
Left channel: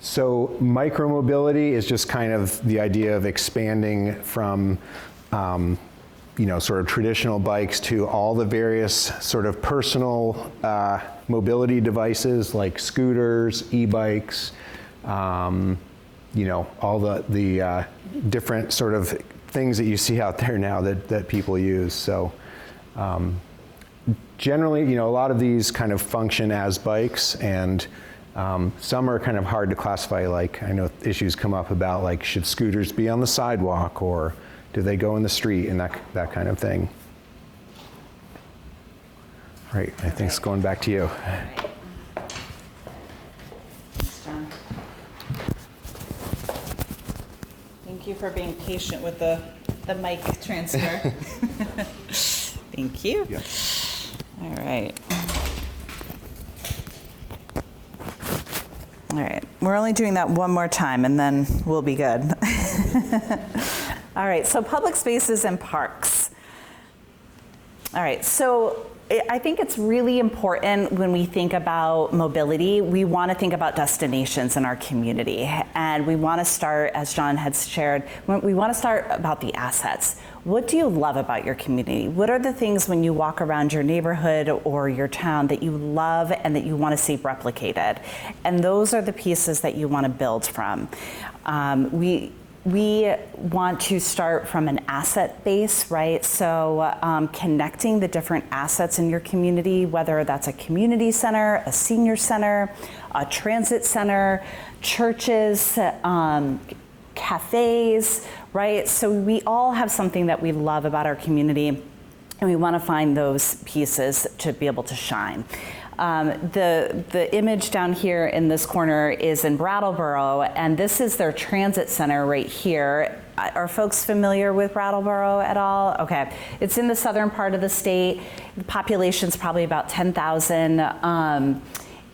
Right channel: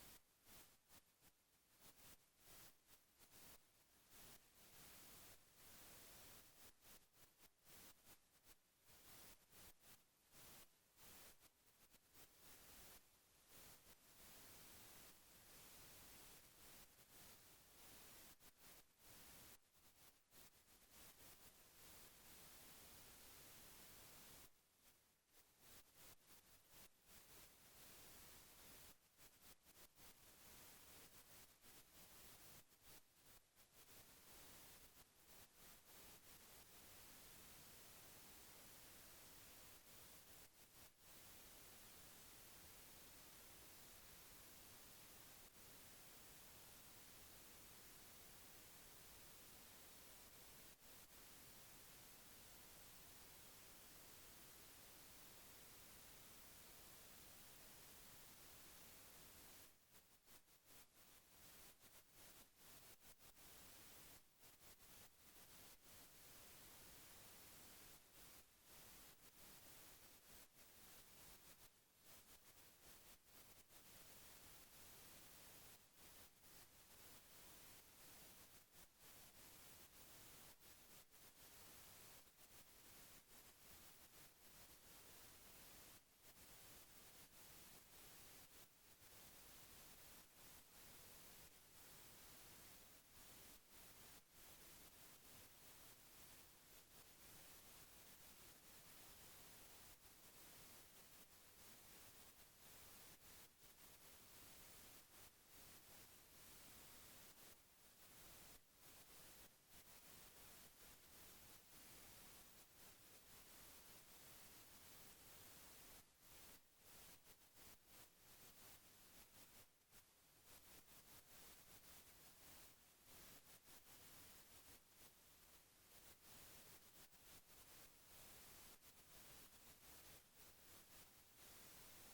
So micromobility is just kind of the idea of expanding from sort of traditional bikes to all the various sort of personal mobility devices like scooters, e-bikes, all the different sort of things that you see out there now that people use. So generally, a lot of these kind of function as bikes, and some are kind of hard to classify. I know issues come up about should scooters be on the sidewalk, or do they go in the street, and that kind of thing. Right, I think it's going back to you. Thanks, Jon. Thank you for being patient with the mic transfer. Thank you. Yeah. All right. All right, we're only doing that one more time, and then we'll be good. All right, so public spaces and parks. All right, so I think it's really important when we think about mobility, we want to think about destinations in our community. And we want to start, as Jon had shared, we want to start about the assets. What do you love about your community? What are the things when you walk around your neighborhood or your town that you love and that you want to see replicated? And those are the pieces that you want to build from. We want to start from an asset base, right? So connecting the different assets in your community, whether that's a community center, a senior center, a transit center, churches, cafes, right? So we all have something that we love about our community, and we want to find those pieces to be able to shine. The image down here in this corner is in Brattleboro, and this is their transit center right here. Are folks familiar with Brattleboro at all? Okay, it's in the southern part of the state. The population's probably about 10,000.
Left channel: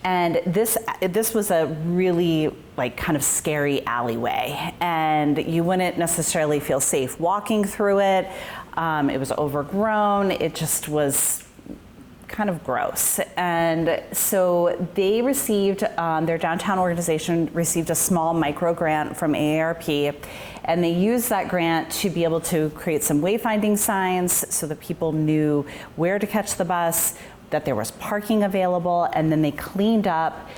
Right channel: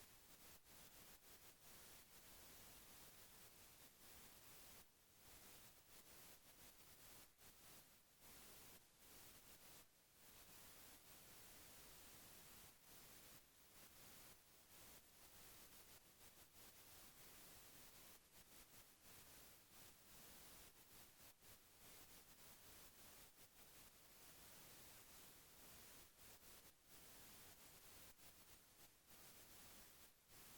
And this was a really kind of scary alleyway, and you wouldn't necessarily feel safe walking through it. It was overgrown. It just was kind of gross. And so they received, their downtown organization received a small micro grant from AARP, and they used that grant to be able to create some wayfinding signs so that people knew where to catch the bus, that there was parking available, and then they cleaned up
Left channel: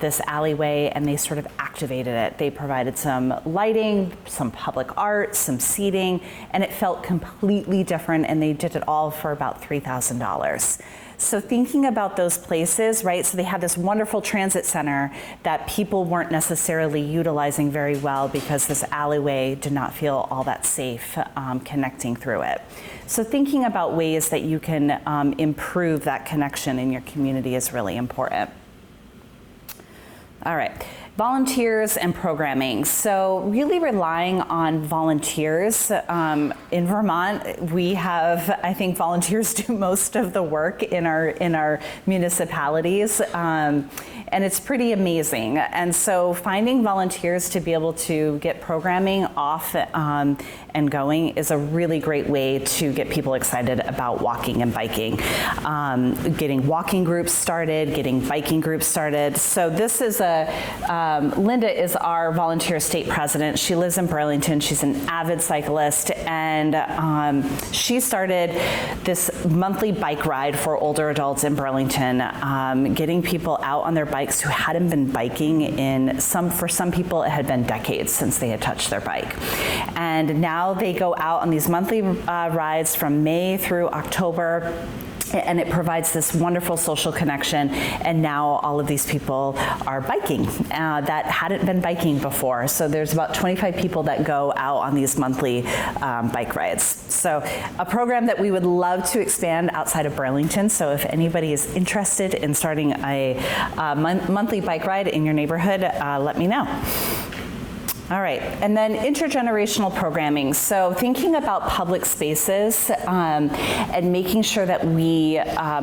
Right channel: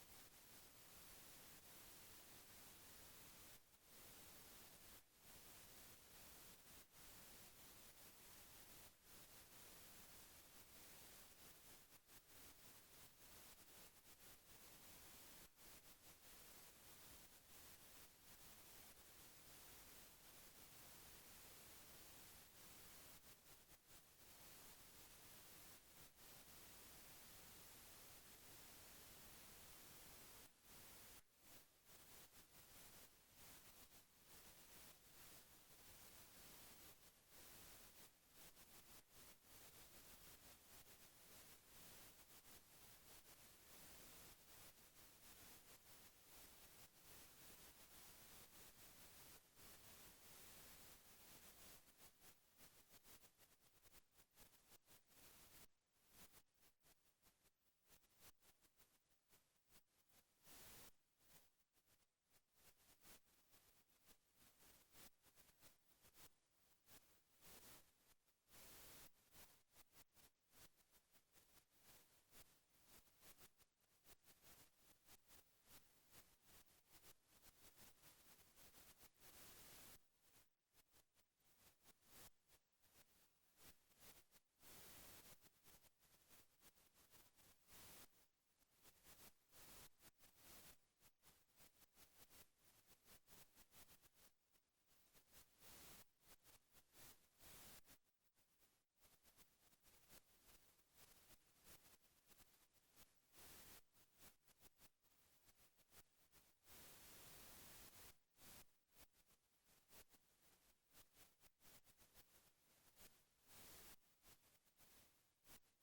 this alleyway, and they sort of activated it. They provided some lighting, some public art, some seating, and it felt completely different, and they did it all for about $3,000. So thinking about those places, right, so they had this wonderful transit center that people weren't necessarily utilizing very well because this alleyway did not feel all that safe connecting through it. So thinking about ways that you can improve that connection in your community is really important. All right. Volunteers and programming. So really relying on volunteers. In Vermont, we have, I think volunteers do most of the work in our municipalities. And it's pretty amazing. And so finding volunteers to be able to get programming off and going is a really great way to get people excited about walking and biking. Getting walking groups started, getting biking groups started. So this is Linda is our volunteer state president. She lives in Burlington. She's an avid cyclist, and she started this monthly bike ride for older adults in Burlington, getting people out on their bikes who hadn't been biking for some people it had been decades since they had touched their bike. And now they go out on these monthly rides from May through October, and it provides this wonderful social connection, and now all of these people are biking that hadn't been biking before. So there's about 25 people that go out on these monthly bike rides. So a program that we would love to expand outside of Burlington, so if anybody is interested in starting a monthly bike ride in your neighborhood, let me know. All right, and then intergenerational programming. So thinking about public spaces and making sure that we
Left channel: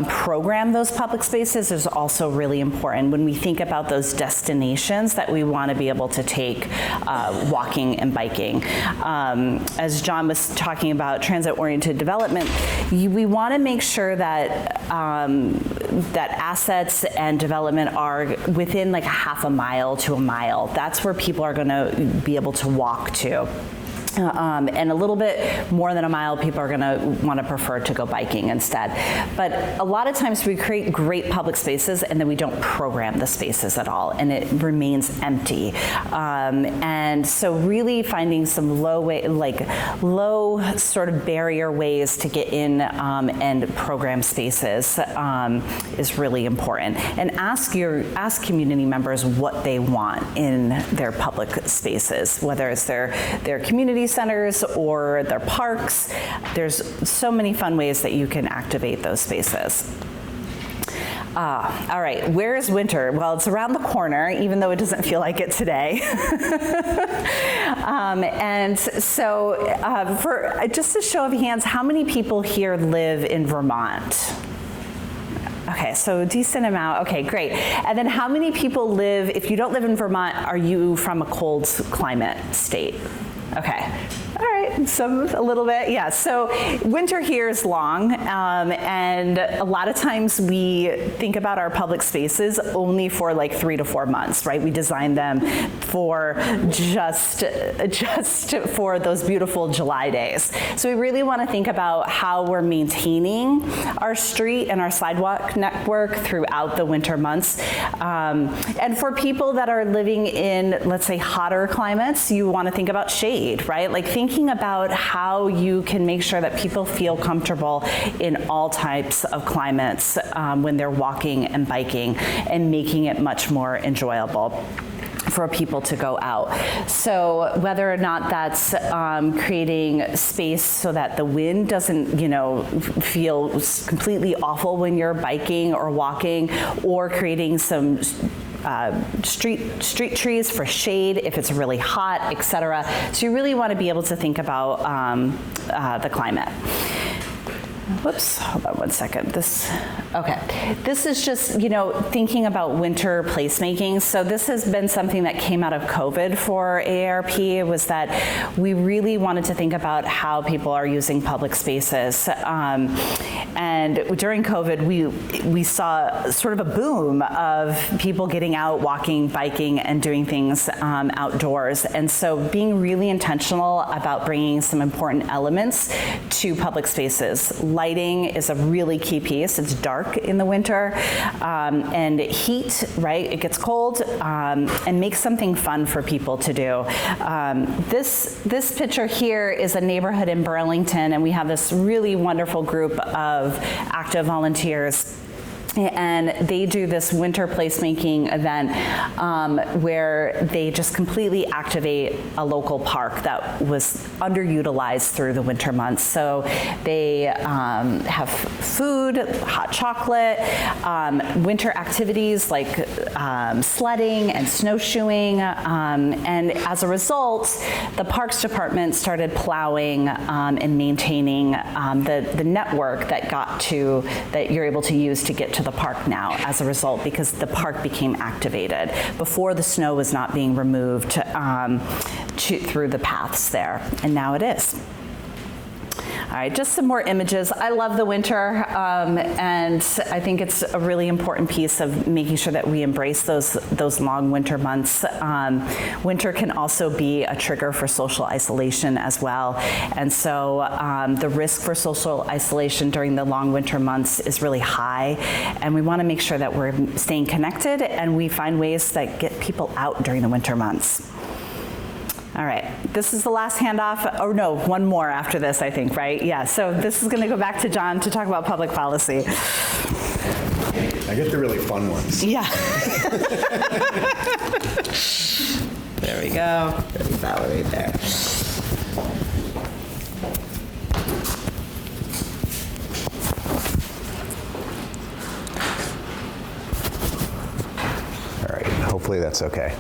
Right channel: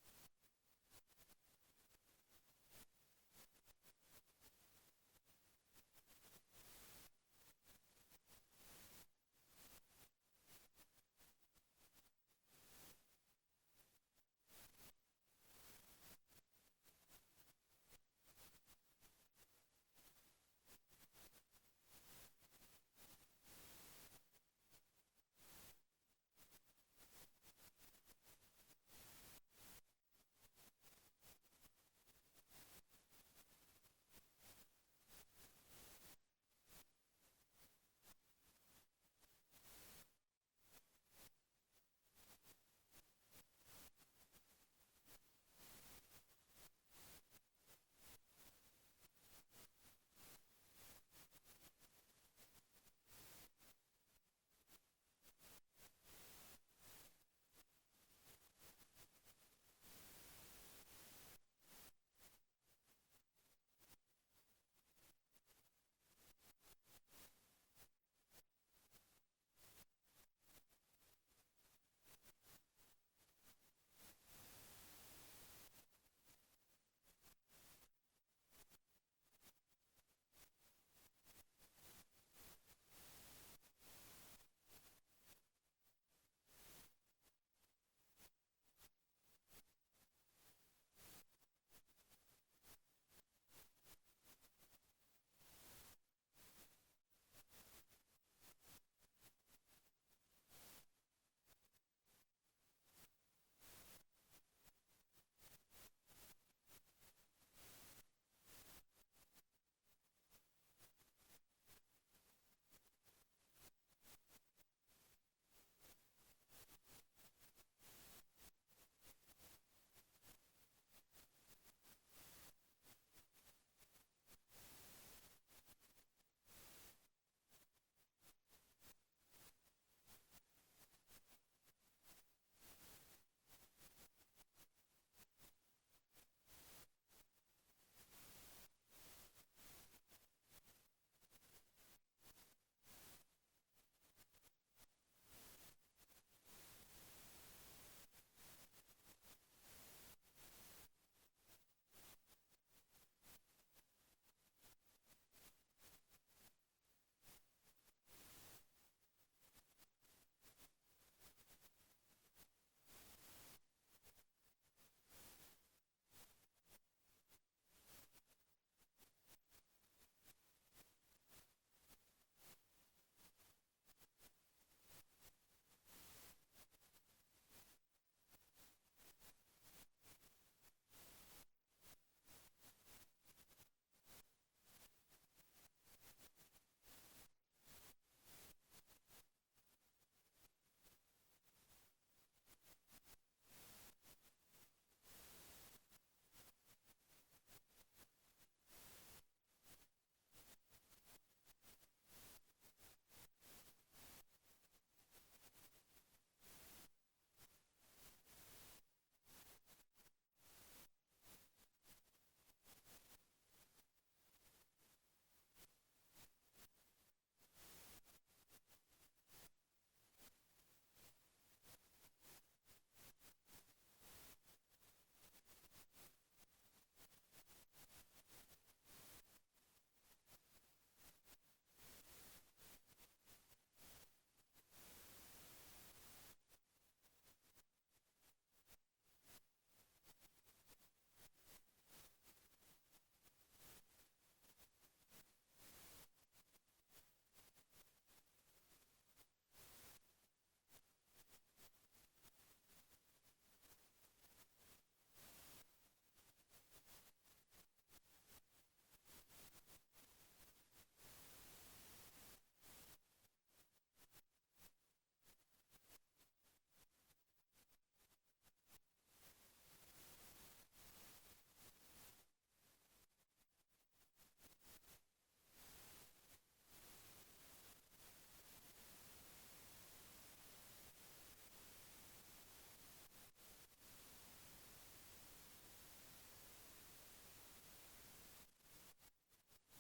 program those public spaces is also really important when we think about those destinations that we want to be able to take walking and biking. As Jon was talking about transit-oriented development, we want to make sure that that assets and development are within like a half a mile to a mile. That's where people are going to be able to walk to. And a little bit more than a mile, people are going to want to prefer to go biking instead. But a lot of times we create great public spaces and then we don't program the spaces at all, and it remains empty. And so really finding some low sort of barrier ways to get in and program spaces is really important. And ask community members what they want in their public spaces, whether it's their community centers or their parks. There's so many fun ways that you can activate those spaces. All right, where is winter? Well, it's around the corner, even though it doesn't feel like it today. And so for just a show of hands, how many people here live in Vermont? Okay, so a decent amount. Okay, great. And then how many people live, if you don't live in Vermont, are you from a cold climate state? Okay. All right, a little bit, yeah. So winter here is long, and a lot of times we think about our public spaces only for like 3 to 4 months, right? We design them for just for those beautiful July days. So we really want to think about how we're maintaining our street and our sidewalk network throughout the winter months. And for people that are living in, let's say, hotter climates, you want to think about shade, right? Like thinking about how you can make sure that people feel comfortable in all types of climates when they're walking and biking, and making it much more enjoyable for people to go out. So whether or not that's creating space so that the wind doesn't, feel completely awful when you're biking or walking, or creating some street trees for shade if it's really hot, etc. So you really want to be able to think about the climate. Whoops, hold on one second. This is just, thinking about winter placemaking. So this has been something that came out of COVID for AARP, was that we really wanted to think about how people are using public spaces. And during COVID, we saw sort of a boom of people getting out, walking, biking, and doing things outdoors. And so being really intentional about bringing some important elements to public spaces. Lighting is a really key piece. It's dark in the winter, and heat, right? It gets cold, and make something fun for people to do. This picture here is a neighborhood in Burlington, and we have this really wonderful group of active volunteers. And they do this winter placemaking event where they just completely activate a local park that was underutilized through the winter months. So they have food, hot chocolate, winter activities like sledding and snowshoeing. And as a result, the Parks Department started plowing and maintaining the network that you're able to use to get to the park now as a result, because the park became activated. Before, the snow was not being removed through the paths there, and now it is. All right, just some more images. I love the winter, and I think it's a really important piece of making sure that we embrace those long winter months. Winter can also be a trigger for social isolation as well, and so the risk for social isolation during the long winter months is really high, and we want to make sure that we're staying connected and we find ways that get people out during the winter months. All right, this is the last handoff. Oh no, one more after this, I think, right? Yeah, so this is going to go back to Jon to talk about public policy. I get the really fun ones. Yeah. There we go. There's that one right there. All right, hopefully that's okay.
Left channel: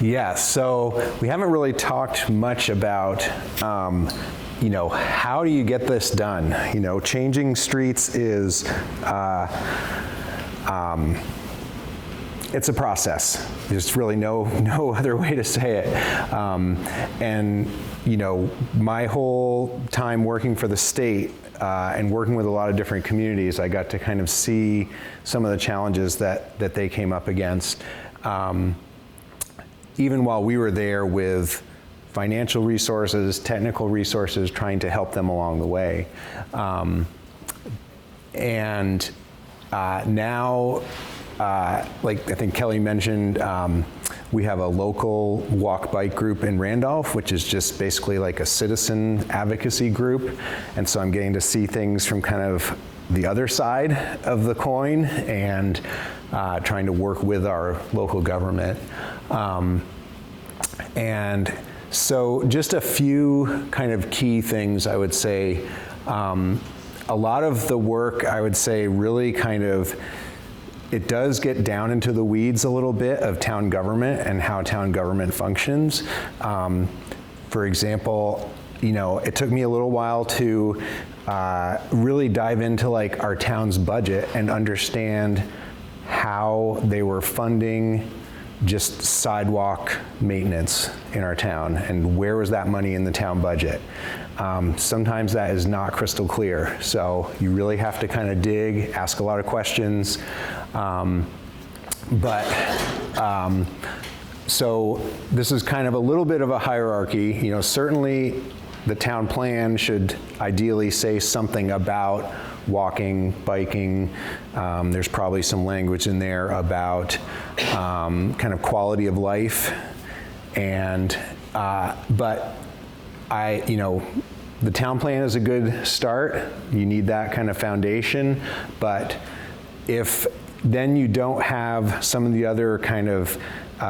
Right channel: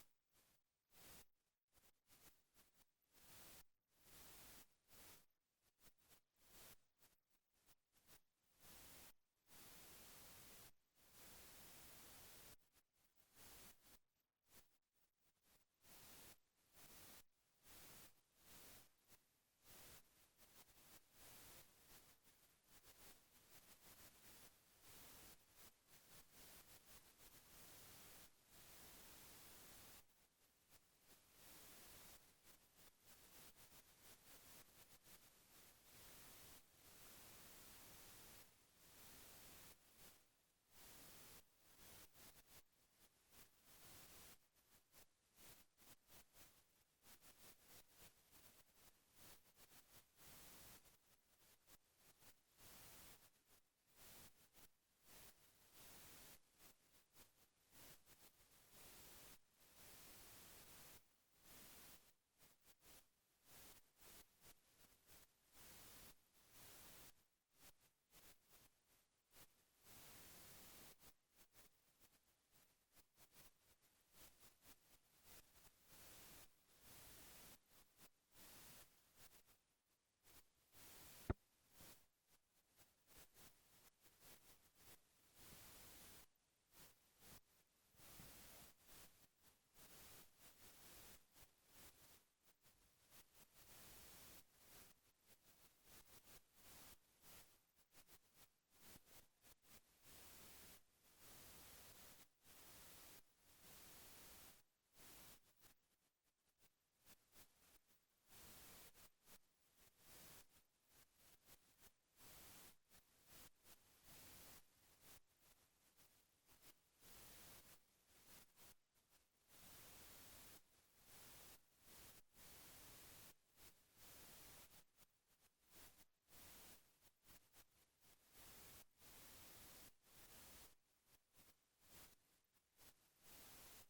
Yeah, so we haven't really talked much about, how do you get this done? Changing streets is, it's a process. There's really no other way to say it. And my whole time working for the state and working with a lot of different communities, I got to kind of see some of the challenges that they came up against. Even while we were there with financial resources, technical resources, trying to help them along the way. Now, like I think Kelly mentioned, we have a local walk-bike group in Randolph, which is just basically like a citizen advocacy group. And so I'm getting to see things from kind of the other side of the coin and trying to work with our local government. And so just a few kind of key things I would say. A lot of the work, I would say, really kind of, it does get down into the weeds a little bit of town government and how town government functions. For example, it took me a little while to really dive into like our town's budget and understand how they were funding just sidewalk maintenance in our town and where was that money in the town budget. Sometimes that is not crystal clear, so you really have to kind of dig, ask a lot of questions. So this is kind of a little bit of a hierarchy. Certainly the town plan should ideally say something about walking, biking. There's probably some language in there about kind of quality of life. And, the town plan is a good start. You need that kind of foundation. But if then you don't have some of the other kind of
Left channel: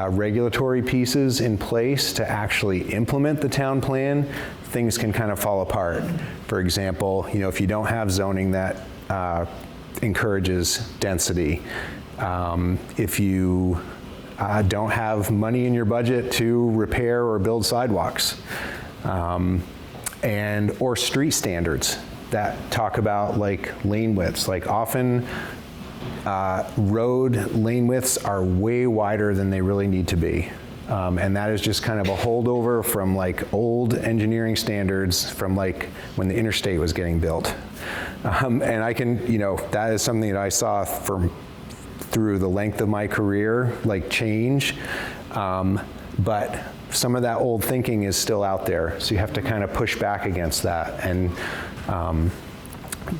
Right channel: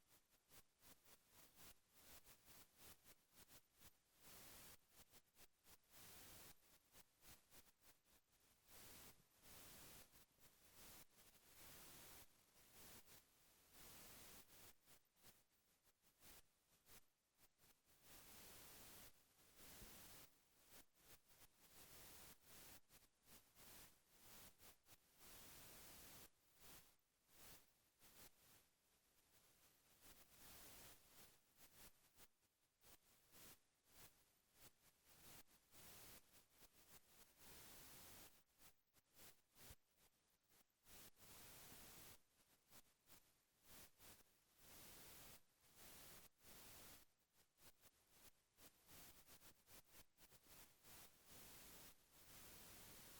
regulatory pieces in place to actually implement the town plan, things can kind of fall apart. For example, if you don't have zoning that encourages density, if you don't have money in your budget to repair or build sidewalks, or street standards that talk about like lane widths. Like often road lane widths are way wider than they really need to be. And that is just kind of a holdover from like old engineering standards from like when the interstate was getting built. And I can, that is something that I saw through the length of my career, like change. But some of that old thinking is still out there. So you have to kind of push back against that. And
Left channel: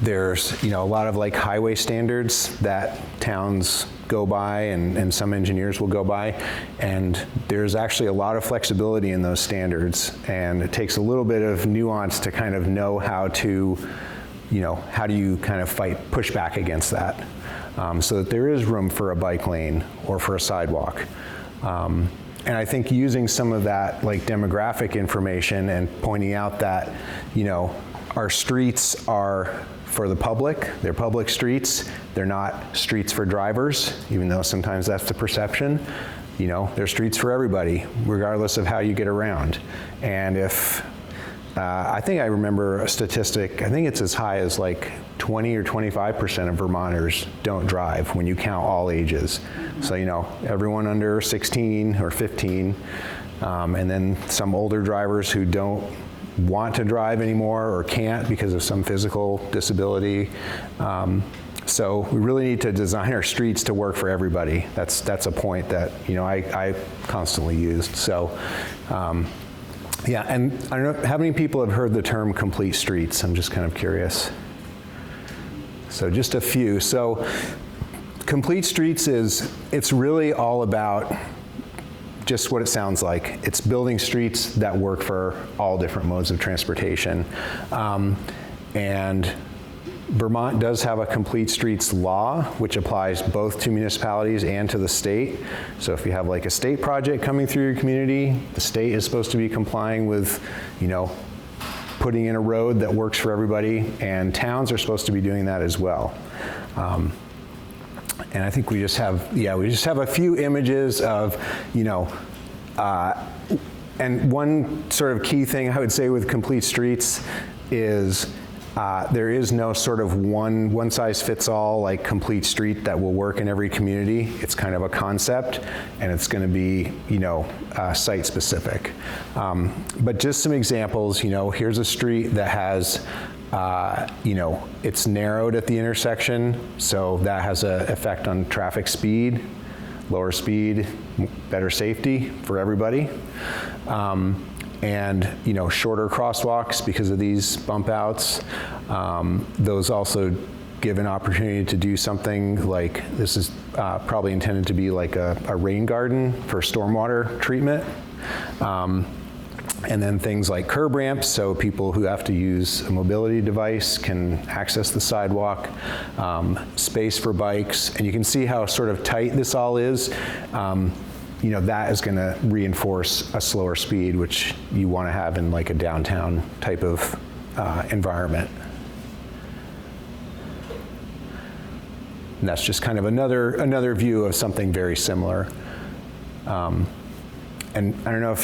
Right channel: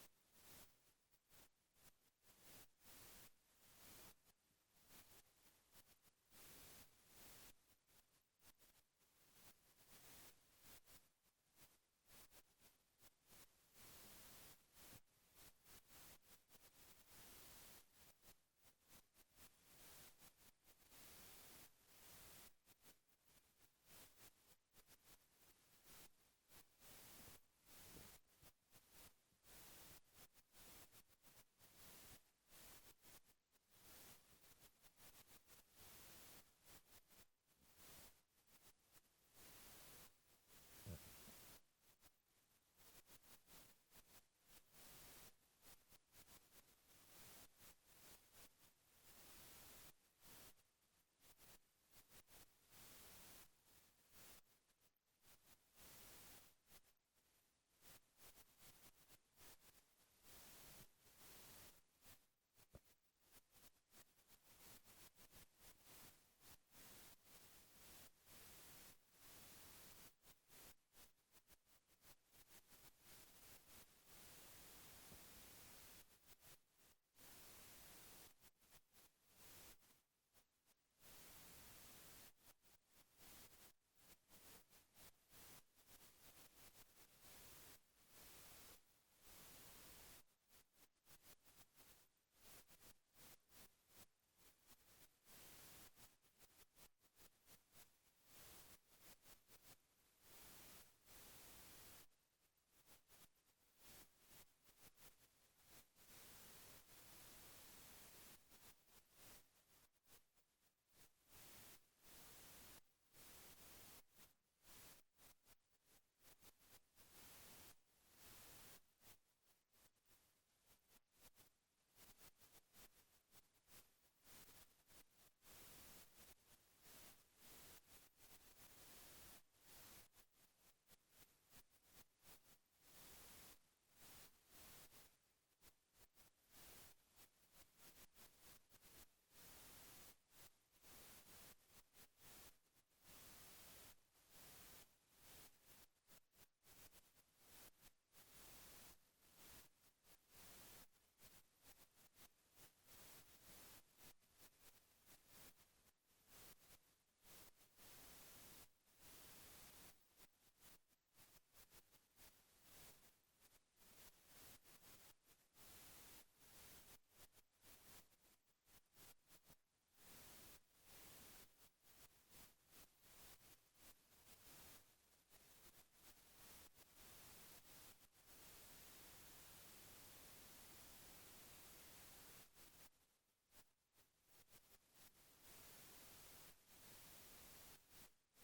there's, a lot of like highway standards that towns go by and some engineers will go by, and there's actually a lot of flexibility in those standards, and it takes a little bit of nuance to kind of know how to, how do you kind of push back against that, so that there is room for a bike lane or for a sidewalk. And I think using some of that like demographic information and pointing out that, our streets are for the public, they're public streets, they're not streets for drivers, even though sometimes that's the perception. They're streets for everybody, regardless of how you get around. And if, I think I remember a statistic, I think it's as high as like 20 or 25% of Vermonters don't drive when you count all ages. So, everyone under 16 or 15, and then some older drivers who don't want to drive anymore or can't because of some physical disability. So we really need to design our streets to work for everybody. That's a point that I constantly used. So yeah, and I don't know how many people have heard the term complete streets. I'm just kind of curious. So just a few. So complete streets it's really all about just what it sounds like. It's building streets that work for all different modes of transportation. And Vermont does have a complete streets law, which applies both to municipalities and to the state. So if you have like a state project coming through your community, the state is supposed to be complying with, putting in a road that works for everybody, and towns are supposed to be doing that as well. And I think we just have a few images of, and one sort of key thing I would say with complete streets is there is no sort of one size fits all like complete street that will work in every community. It's kind of a concept, and it's going to be, site specific. But just some examples, here's a street that has it's narrowed at the intersection, so that has an effect on traffic speed, lower speed, better safety for everybody. And shorter crosswalks because of these bump outs. Those also give an opportunity to do something like, this is probably intended to be like a rain garden for stormwater treatment. And then things like curb ramps, so people who have to use a mobility device can access the sidewalk, space for bikes, and you can see how sort of tight this all is. That is going to reinforce a slower speed, which you want to have in like a downtown type of environment. And that's just kind of another view of something very similar. And I don't know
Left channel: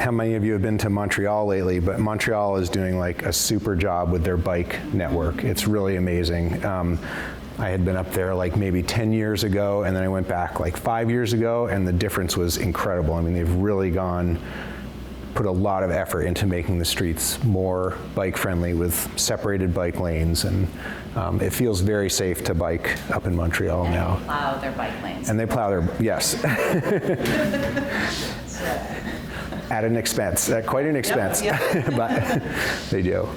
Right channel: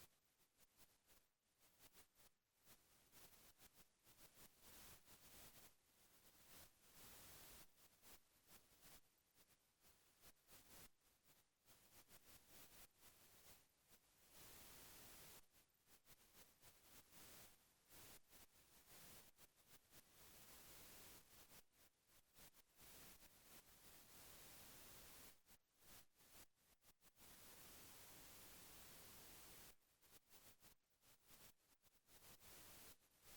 how many of you have been to Montreal lately, but Montreal is doing like a super job with their bike network. It's really amazing. I had been up there like maybe 10 years ago, and then I went back like 5 years ago, and the difference was incredible. I mean, they've really put a lot of effort into making the streets more bike friendly with separated bike lanes, and it feels very safe to bike up in Montreal now. They plow their bike lanes. And they plow their, yes. At an expense, at quite an expense, Yep. but they do.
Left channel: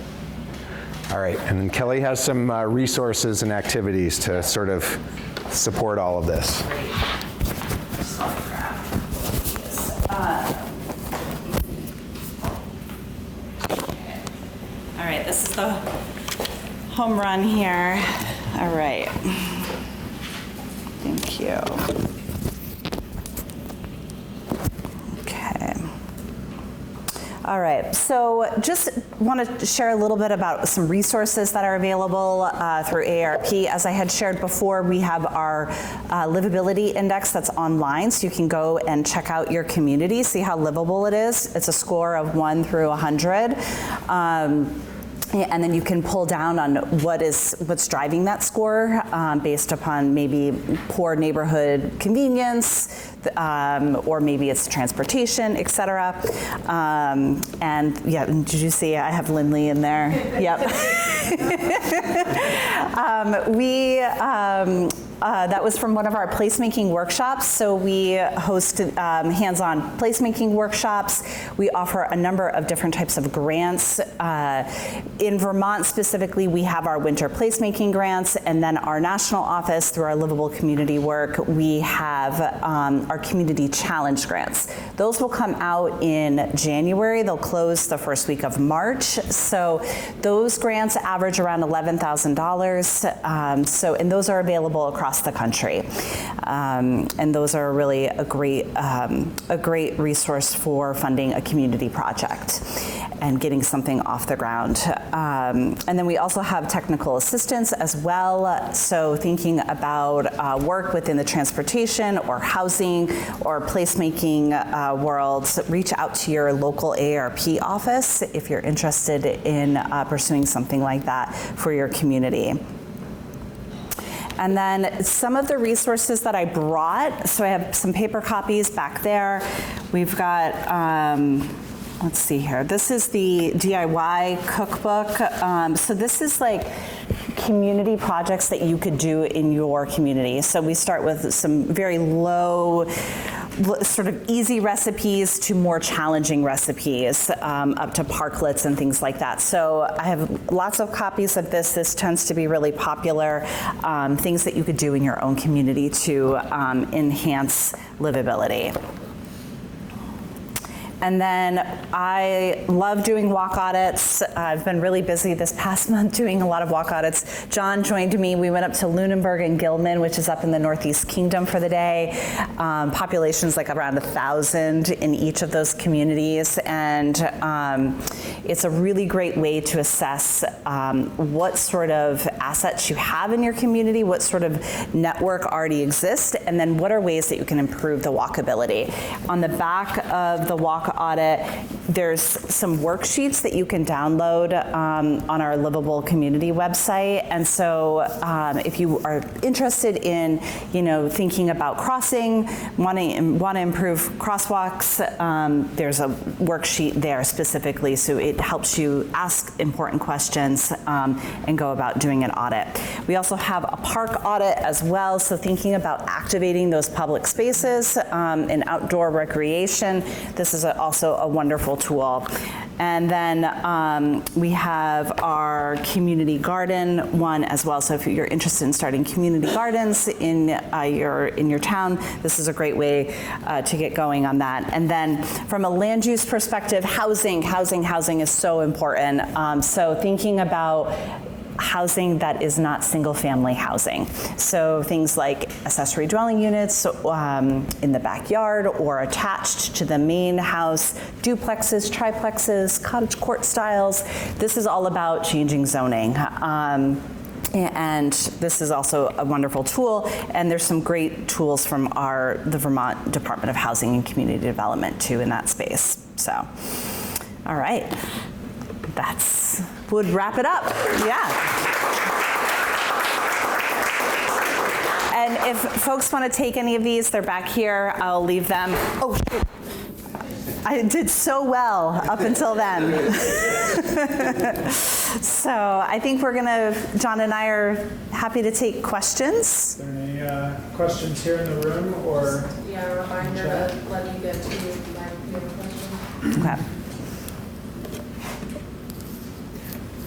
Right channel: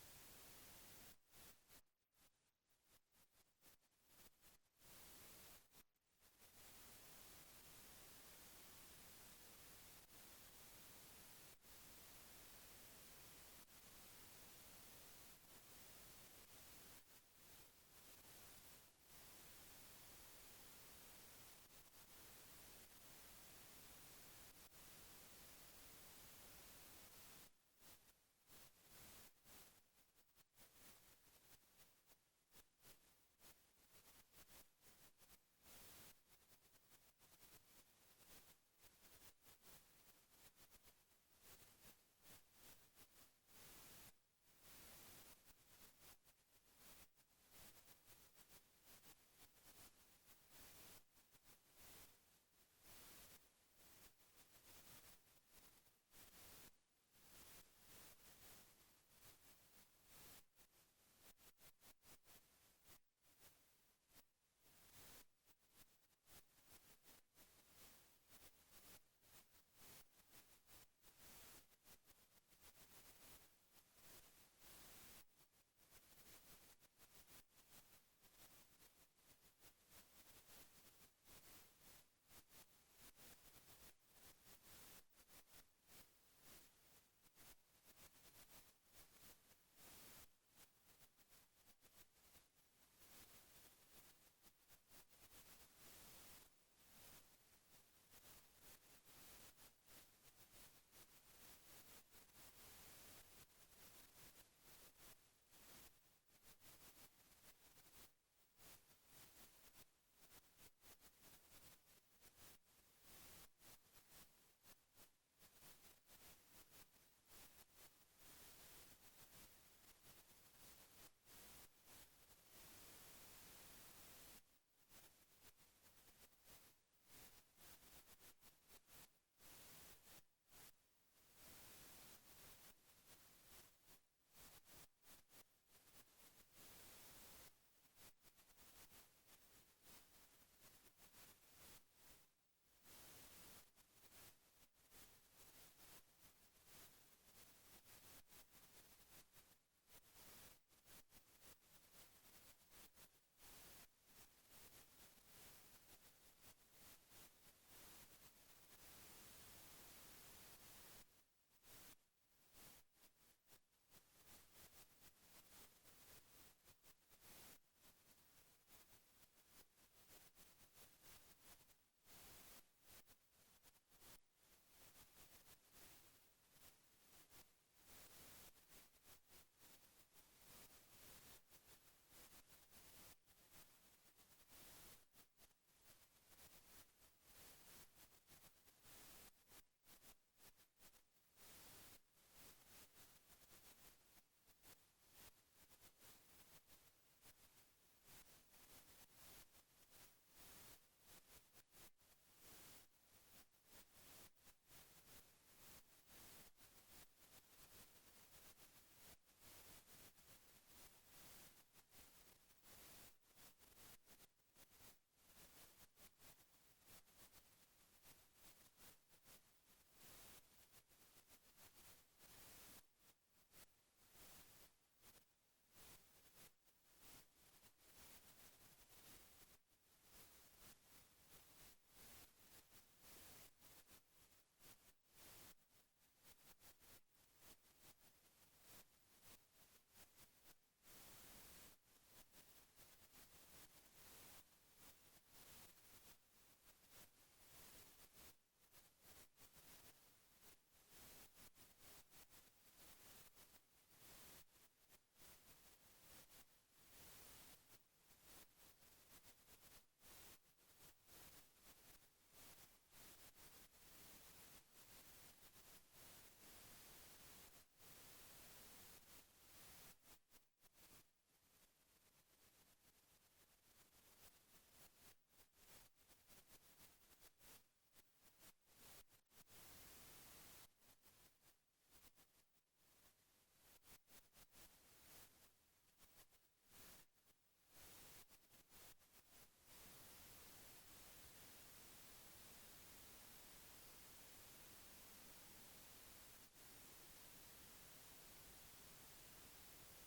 All right, and then Kelly has some resources and activities to sort of support all of this. All right, this is the home run here. All right. Thank you. Okay. All right, so just want to share a little bit about some resources that are available through AARP. As I had shared before, we have our livability index that's online, so you can go and check out your community, see how livable it is. It's a score of 1 through 100. Yeah, and then you can pull down on what's driving that score based upon maybe poor neighborhood convenience, or maybe it's transportation, et cetera. And yeah, did you see I have Lindley in there? Yep. That was from one of our placemaking workshops. So we host hands-on placemaking workshops. We offer a number of different types of grants. In Vermont specifically, we have our winter placemaking grants, and then our national office, through our livable community work, we have our community challenge grants. Those will come out in January. They'll close the first week of March. So those grants average around $11,000. And those are available across the country. And those are really a great resource for funding a community project and getting something off the ground. And then we also have technical assistance as well. So thinking about work within the transportation or housing or placemaking worlds, reach out to your local AARP office if you're interested in pursuing something like that for your community. And then some of the resources that I brought, so I have some paper copies back there. We've got, let's see here. This is the DIY cookbook. So this is like community projects that you could do in your community. So we start with some very low, sort of easy recipes to more challenging recipes, up to parklets and things like that. So I have lots of copies of this. This tends to be really popular, things that you could do in your own community to enhance livability. And then I love doing walk audits. I've been really busy this past month doing a lot of walk audits. Jon joined me. We went up to Lunenburg and Gilman, which is up in the Northeast Kingdom, for the day. Populations like around 1,000 in each of those communities. And it's a really great way to assess what sort of assets you have in your community, what sort of network already exists, and then what are ways that you can improve the walkability. On the back of the walk audit, there's some worksheets that you can download on our Livable Community website. And so if you are interested in, thinking about crossing, want to improve crosswalks, there's a worksheet there specifically, so it helps you ask important questions and go about doing an audit. We also have a park audit as well, so thinking about activating those public spaces and outdoor recreation. This is also a wonderful tool. And then we have our community garden one as well. So if you're interested in starting community gardens in your town, this is a great way to get going on that. And then from a land use perspective, housing is so important. So thinking about housing that is not single-family housing. So things like accessory dwelling units in the backyard or attached to the main house, duplexes, triplexes, cottage court styles. This is all about changing zoning. And this is also a wonderful tool, and there's some great tools from the Vermont Department of Housing and Community Development too in that space. So, all right, would wrap it up. Yeah. And if folks want to take any of these, they're back here. I'll leave them. Oh, shoot. I did so well up until then. So I think Jon and I are happy to take questions. Are there any questions here in the room or? Yeah, a reminder to let you get to if you have a question. Okay.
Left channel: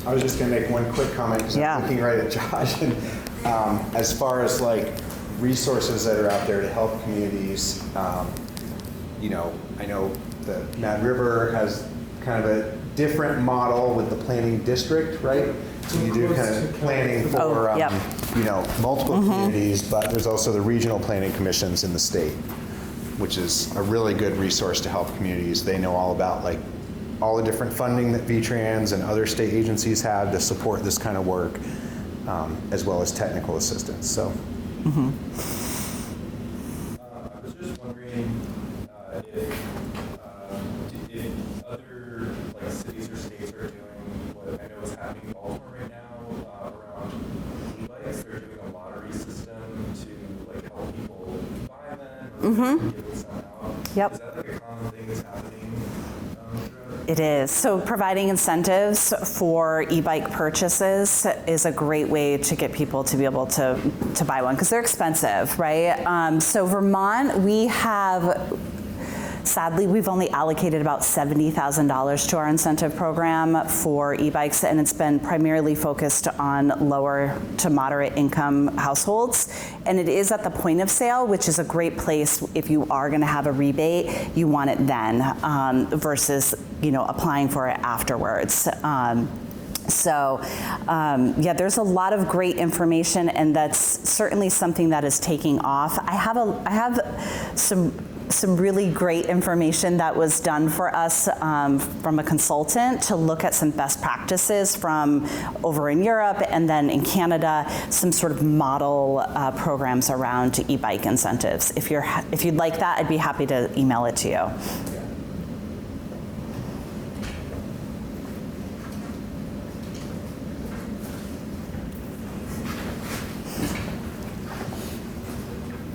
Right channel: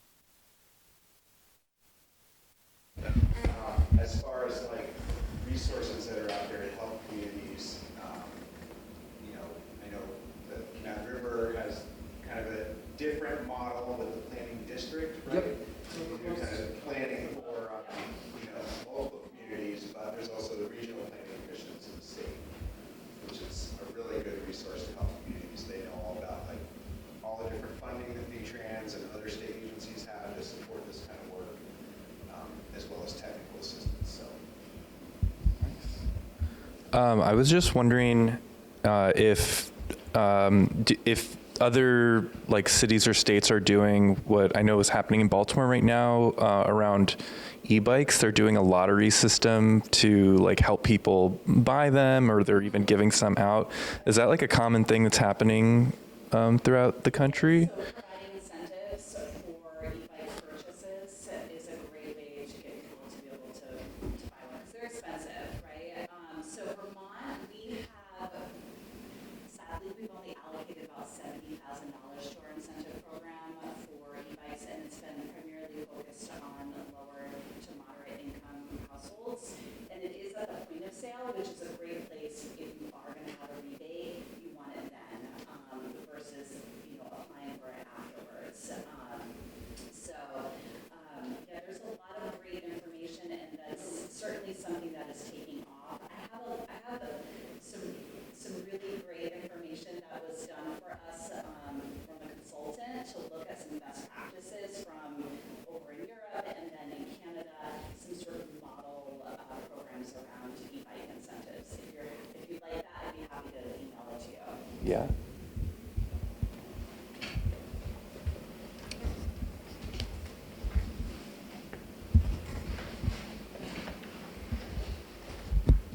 I was just going to make one quick comment because I'm looking right at Josh. And, as far as like resources that are out there to help communities, I know the Mad River has kind of a different model with the planning district, right? So you do kind of planning for multiple communities, but there's also the regional planning commissions in the state, which is a really good resource to help communities. They know all about like all the different funding that VTrans and other state agencies have to support this kind of work, as well as technical assistance. So, I was just wondering if if other like cities or states are doing what I know is happening in Baltimore right now around e-bikes. They're doing a lottery system to like help people buy them, or they're even giving some out. Yep. Is that like a common thing that's happening throughout the country? It is. So providing incentives for e-bike purchases is a great way to get people to be able to buy one, because they're expensive, right? So Vermont, we have, sadly, we've only allocated about $70,000 to our incentive program for e-bikes, and it's been primarily focused on lower to moderate income households. And it is at the point of sale, which is a great place if you are going to have a rebate, you want it then versus, applying for it afterwards. Yeah, there's a lot of great information, and that's certainly something that is taking off. I have some really great information that was done for us from a consultant to look at some best practices from over in Europe and then in Canada, some sort of model programs around e-bike incentives. If you'd like that, I'd be happy to email it to you. Yeah.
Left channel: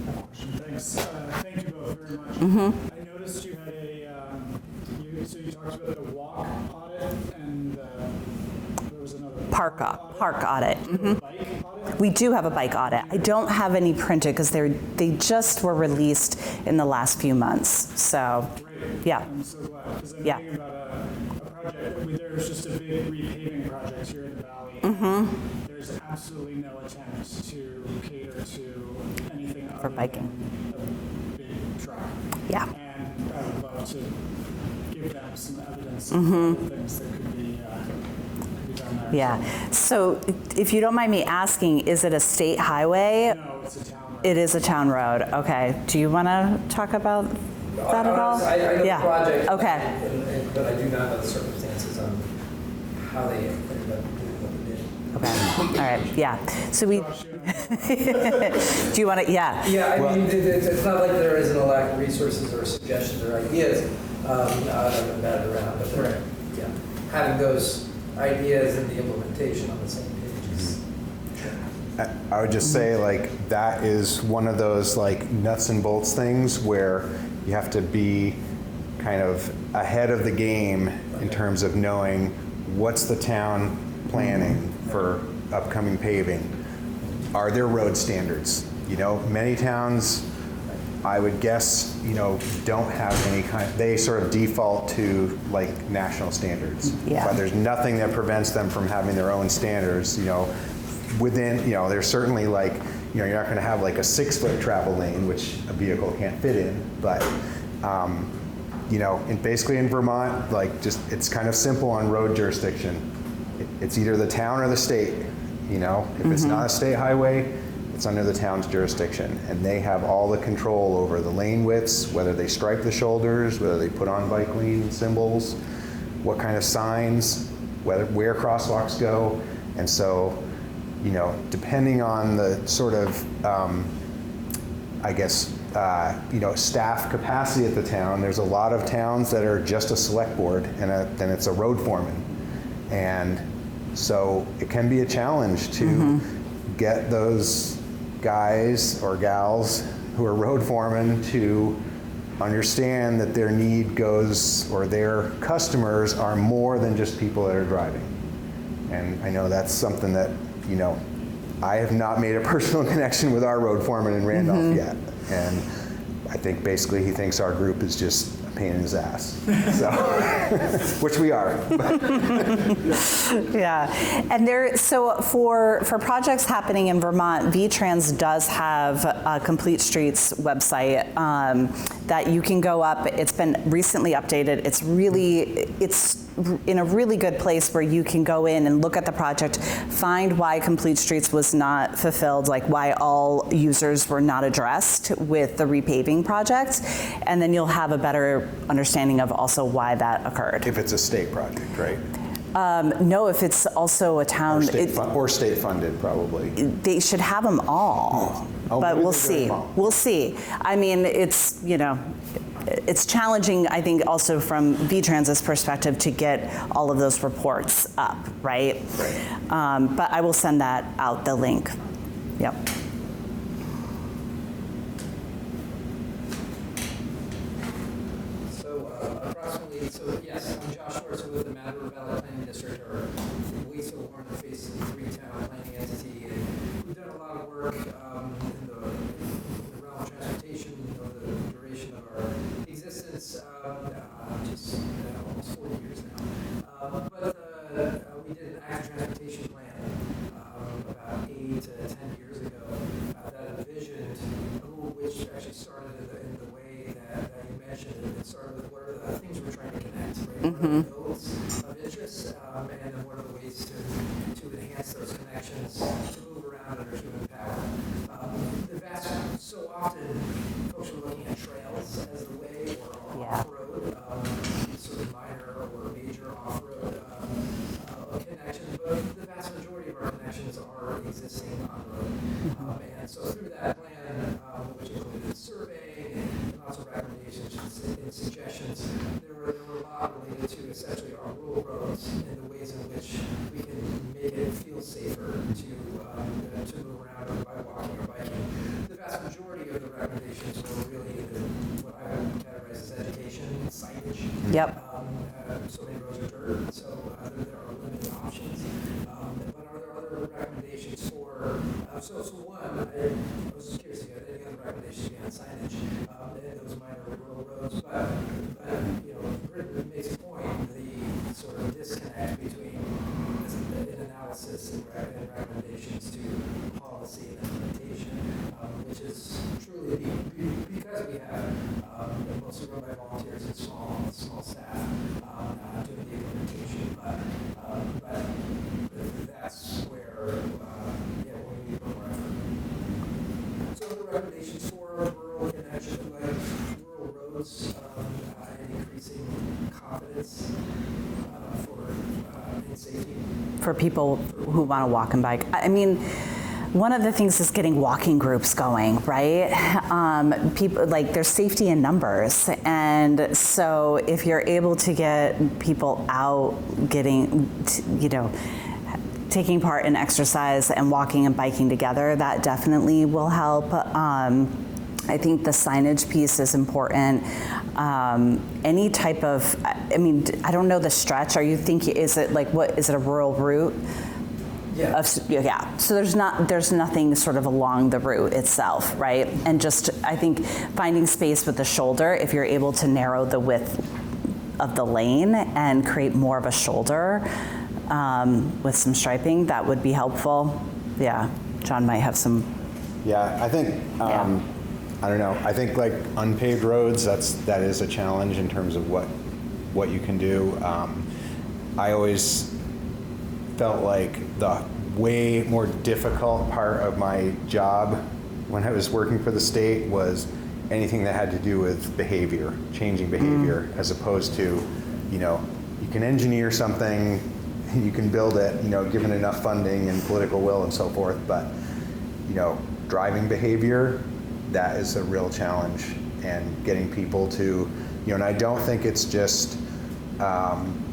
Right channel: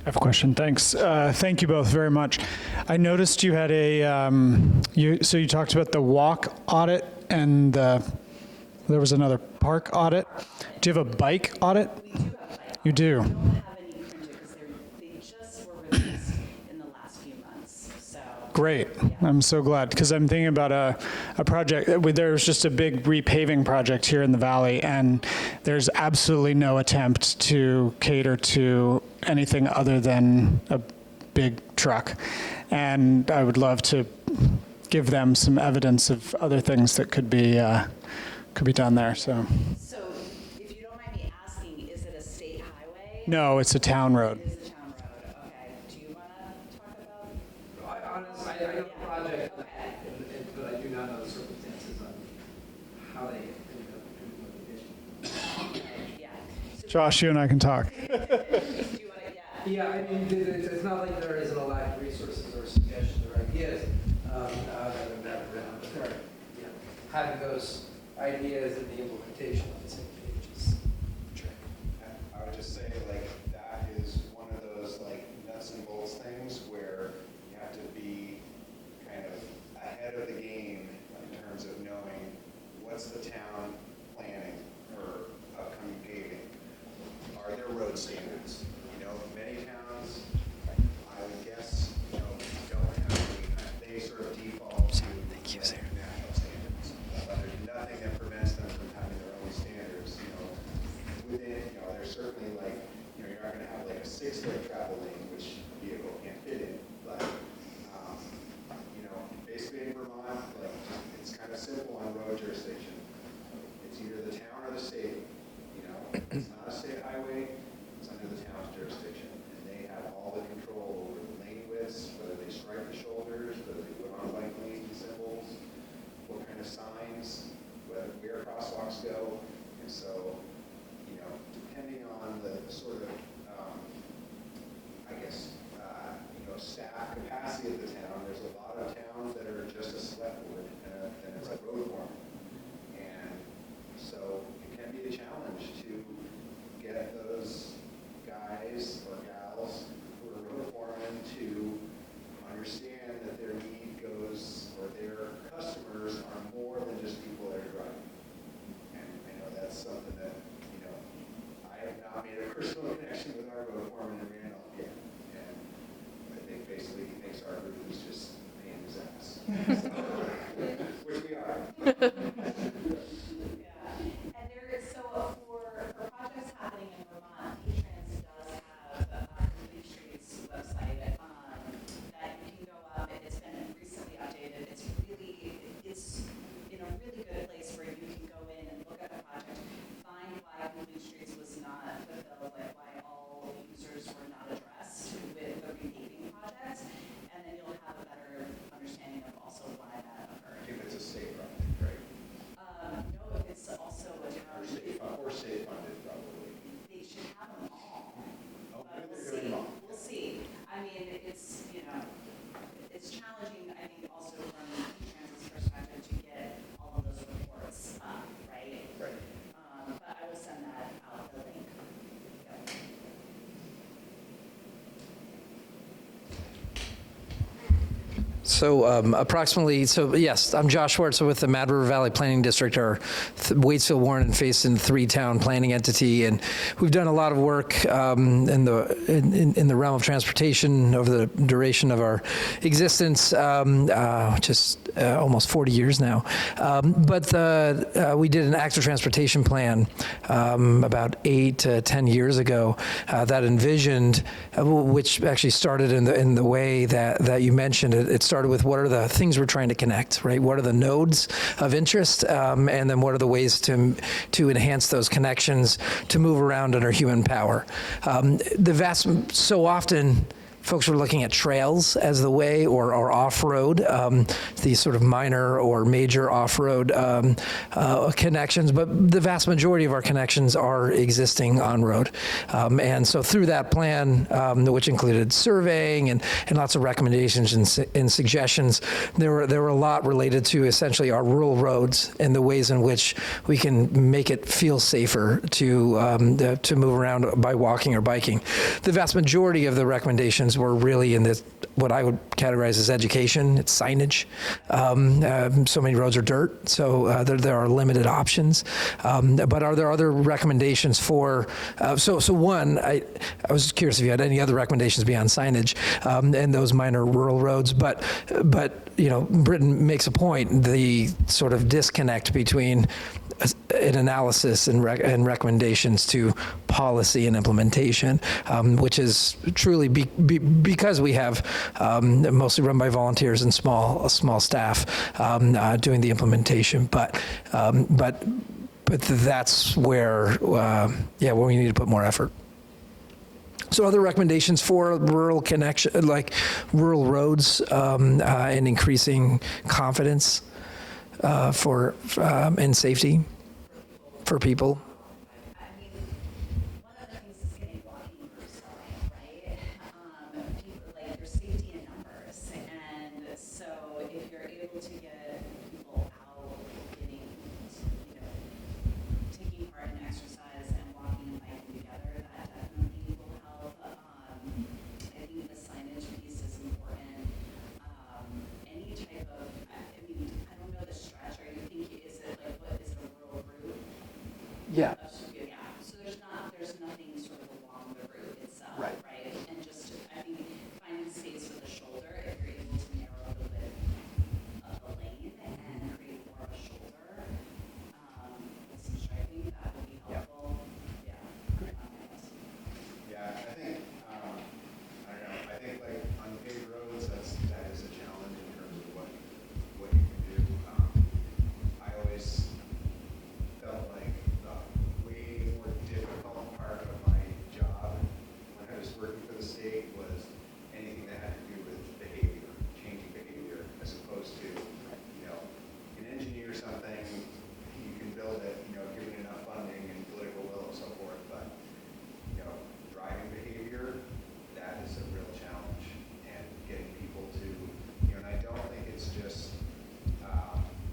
I have a question. Thanks. Thank you both very much. I noticed you had so you talked about the walk audit and there was another park audit. Park audit. Do you have a bike audit? We do have a bike audit. do? I don't have any printed because they just were released in the last few months. So Great. Yeah. I'm so glad, because I'm thinking about a project. There was just a big repaving project here in the valley, and there's absolutely no attempt to cater to anything other than a big truck. Yeah. And I would love to give them some evidence of other things that could be done there. yeah. So if you don't mind me asking, is it a state highway? No, it's a town road. It is a town road. Okay. Do you want to talk about that at all? I know Yeah. the project, Okay. but I do not know the circumstances on how they ended up doing what they did. Okay. All right. Yeah. So we. Josh, you and I can talk. Do you want to? Yeah. Yeah, I mean, it's not like there isn't a lack of resources or suggestions or ideas, how to move that around, but yeah, having those ideas and the implementation on the same page. I would just say, like, that is one of those, like, nuts and bolts things where you have to be kind of ahead of the game in terms of knowing what's the town planning for upcoming paving. Are there road standards? Many towns, I would guess, don't have any they sort of default to like national standards. Yeah. But there's nothing that prevents them from having their own standards, within, there's certainly like, you're not gonna have like a 6-foot travel lane, which a vehicle can't fit in, but, and basically in Vermont, like it's kind of simple on road jurisdiction. It's either the town or the state, if it's not a state highway, it's under the town's jurisdiction, and they have all the control over the lane widths, whether they stripe the shoulders, whether they put on bike lane symbols, what kind of signs, where crosswalks go. And so, depending on the sort of, staff capacity at the town, there's a lot of towns that are just a select board and then it's a road foreman. And so it can be a challenge to get those guys or gals who are road foremen to understand that their need goes, or their customers are more than just people that are driving. And I know that's something that, I have not made a personal connection with our road foreman in Randolph yet. And I think basically he thinks our group is just a pain in his ass, so, which we are. Yeah, and so for projects happening in Vermont, VTrans does have a Complete Streets website that you can go up. It's been recently updated. It's in a really good place where you can go in and look at the project, find why Complete Streets was not fulfilled, like why all users were not addressed with the repaving project, and then you'll have a better understanding of also why that occurred. If it's a state project, right? No, if it's also a town. Or state funded, probably. They should have them all, Oh, but maybe we'll they're doing see. them all. We'll see. I mean, it's, it's challenging, I think, also from V-Trans's perspective to get all of those reports up, right? But I will send that out, the link. Yep. So approximately, so yes, I'm Josh Schwartz with the Mad River Valley Planning District, our Waitsfield, Warren, and Faison three-town planning entity, and we've done a lot of work in the realm of transportation over the duration of our existence, just almost 40 years now. But we did an active transportation plan about 8 to 10 years ago that envisioned, which actually started in the way that you mentioned. It started with what are the things we're trying to connect, right? What are the nodes of interest, and then what are the ways to enhance those connections to move around under human power. So often, folks were looking at trails as the way, or off-road, these sort of minor or major off-road connections, but the vast majority of our connections are existing on-road. And so through that plan, which included surveying and lots of recommendations and suggestions, there were a lot related to essentially our rural roads and the ways in which we can make it feel safer to move around by walking or biking. The vast majority of the recommendations were really in this, what I would categorize as education. It's signage. Yep. So many roads are dirt, so there are limited options. But are there other recommendations for, so one, I was curious if you had any other recommendations beyond signage and those minor rural roads, but you know, Britton makes a point, the sort of disconnect between an analysis and recommendations to policy and implementation, which is truly because we have mostly run by volunteers and small staff doing the implementation, but that's where where we need to put more effort. So other recommendations for rural connection, like rural roads, and increasing confidence and safety For people who want to walk and bike. I mean, one of the things is getting walking groups going, right? People, like, there's safety in numbers, and so if you're able to get people out, taking part in exercise and walking and biking together, that definitely will help. I think the signage piece is important. Any type of, I mean, I don't know the stretch. Are you thinking, is it a rural route? Yeah. Yeah. So there's nothing sort of along the route itself, right? And just, I think, finding space with the shoulder, if you're able to narrow the width of the lane and create more of a shoulder with some striping, that would be helpful. Yeah. John might have some. Yeah, I think, I don't know, I think like unpaved roads, that is a challenge in terms of what you can do. I always felt like the way more difficult part of my job when I was working for the state was anything that had to do with behavior, changing behavior, as opposed to, you can engineer something, you can build it, given enough funding and political will and so forth, but, driving behavior, that is a real challenge, and getting people to, and I don't think it's just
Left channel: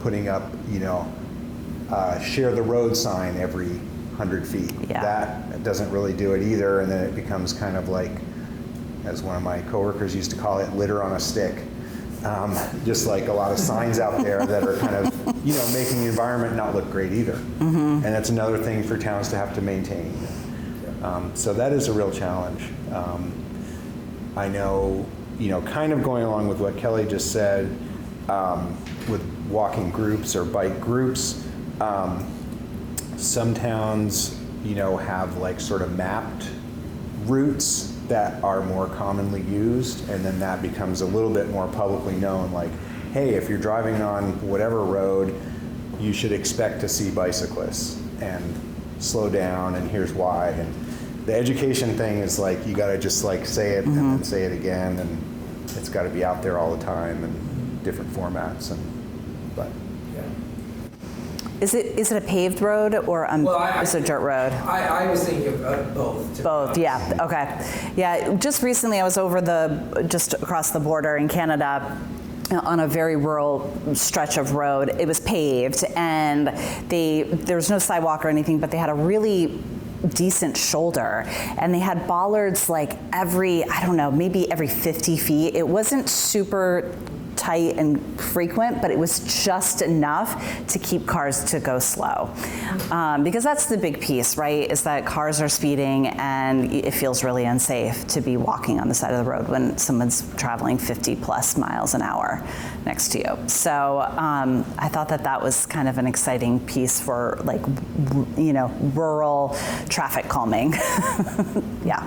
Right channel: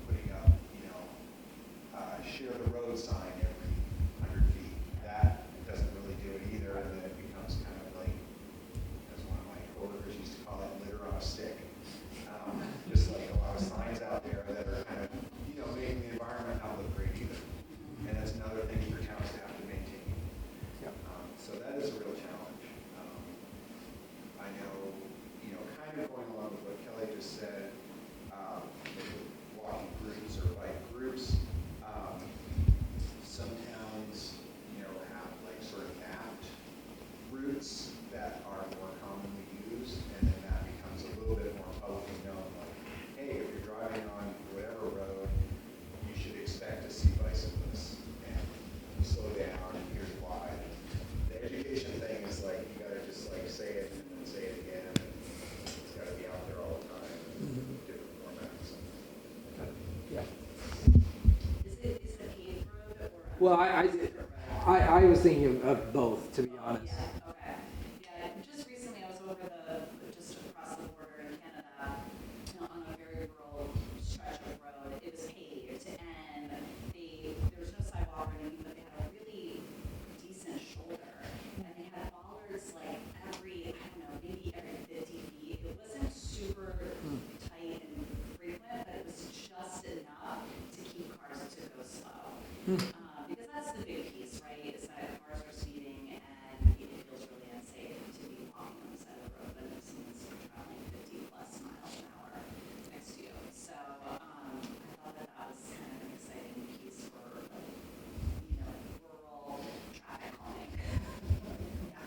putting up, share the road sign every 100 feet. Yeah. That doesn't really do it either, and then it becomes kind of like, as one of my coworkers used to call it, litter on a stick. Just like a lot of signs out there that are kind of, making the environment not look great either. Mm-hmm. And that's another thing for towns to have to maintain. So that is a real challenge. I know, kind of going along with what Kelly just said, with walking groups or bike groups, some towns, have like sort of mapped routes that are more commonly used, and then that becomes a little bit more publicly known, like, hey, if you're driving on whatever road, you should expect to see bicyclists, and slow down, and here's why. And the education thing is like, you gotta just like say it and then say it again, and it's gotta be out there all the time in different formats, but. Is it a paved road or is it a dirt road? I was thinking of both. to be Both, honest. yeah, okay. Yeah, just recently I was just across the border in Canada on a very rural stretch of road. It was paved and there was no sidewalk or anything, but they had a really decent shoulder and they had bollards like maybe every 50 feet. It wasn't super tight and frequent, but it was just enough to keep cars to go slow. Because that's the big piece, right, is that cars are speeding and it feels really unsafe to be walking on the side of the road when someone's traveling 50 plus miles an hour next to you. So I thought that was kind of an exciting piece for like, rural traffic calming. Yeah.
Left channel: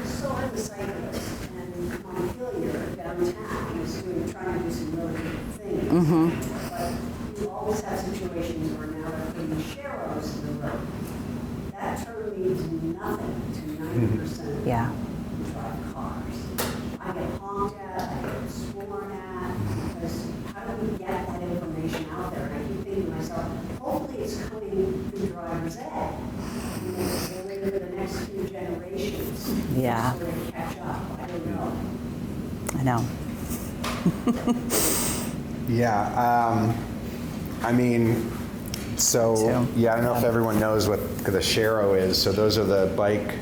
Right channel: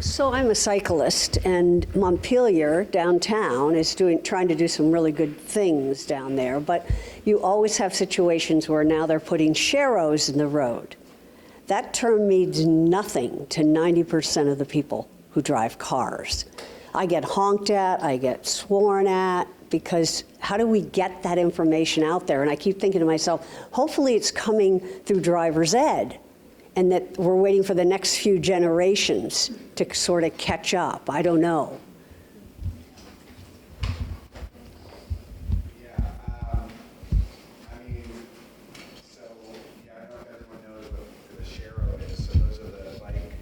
So I'm a cyclist, and Montpelier downtown is trying to do some really good things down there, but you always have situations where now they're putting sharrows in the road. That term means nothing to 90% of the people who drive cars. I get honked at, I get sworn at, because how do we get that information out there? And I keep thinking to myself, hopefully it's coming through driver's ed, and that we're waiting for the next few generations to sort of catch up. I don't know. I know. Yeah, I mean, I don't know if everyone knows what the sharrow is. So those are the bike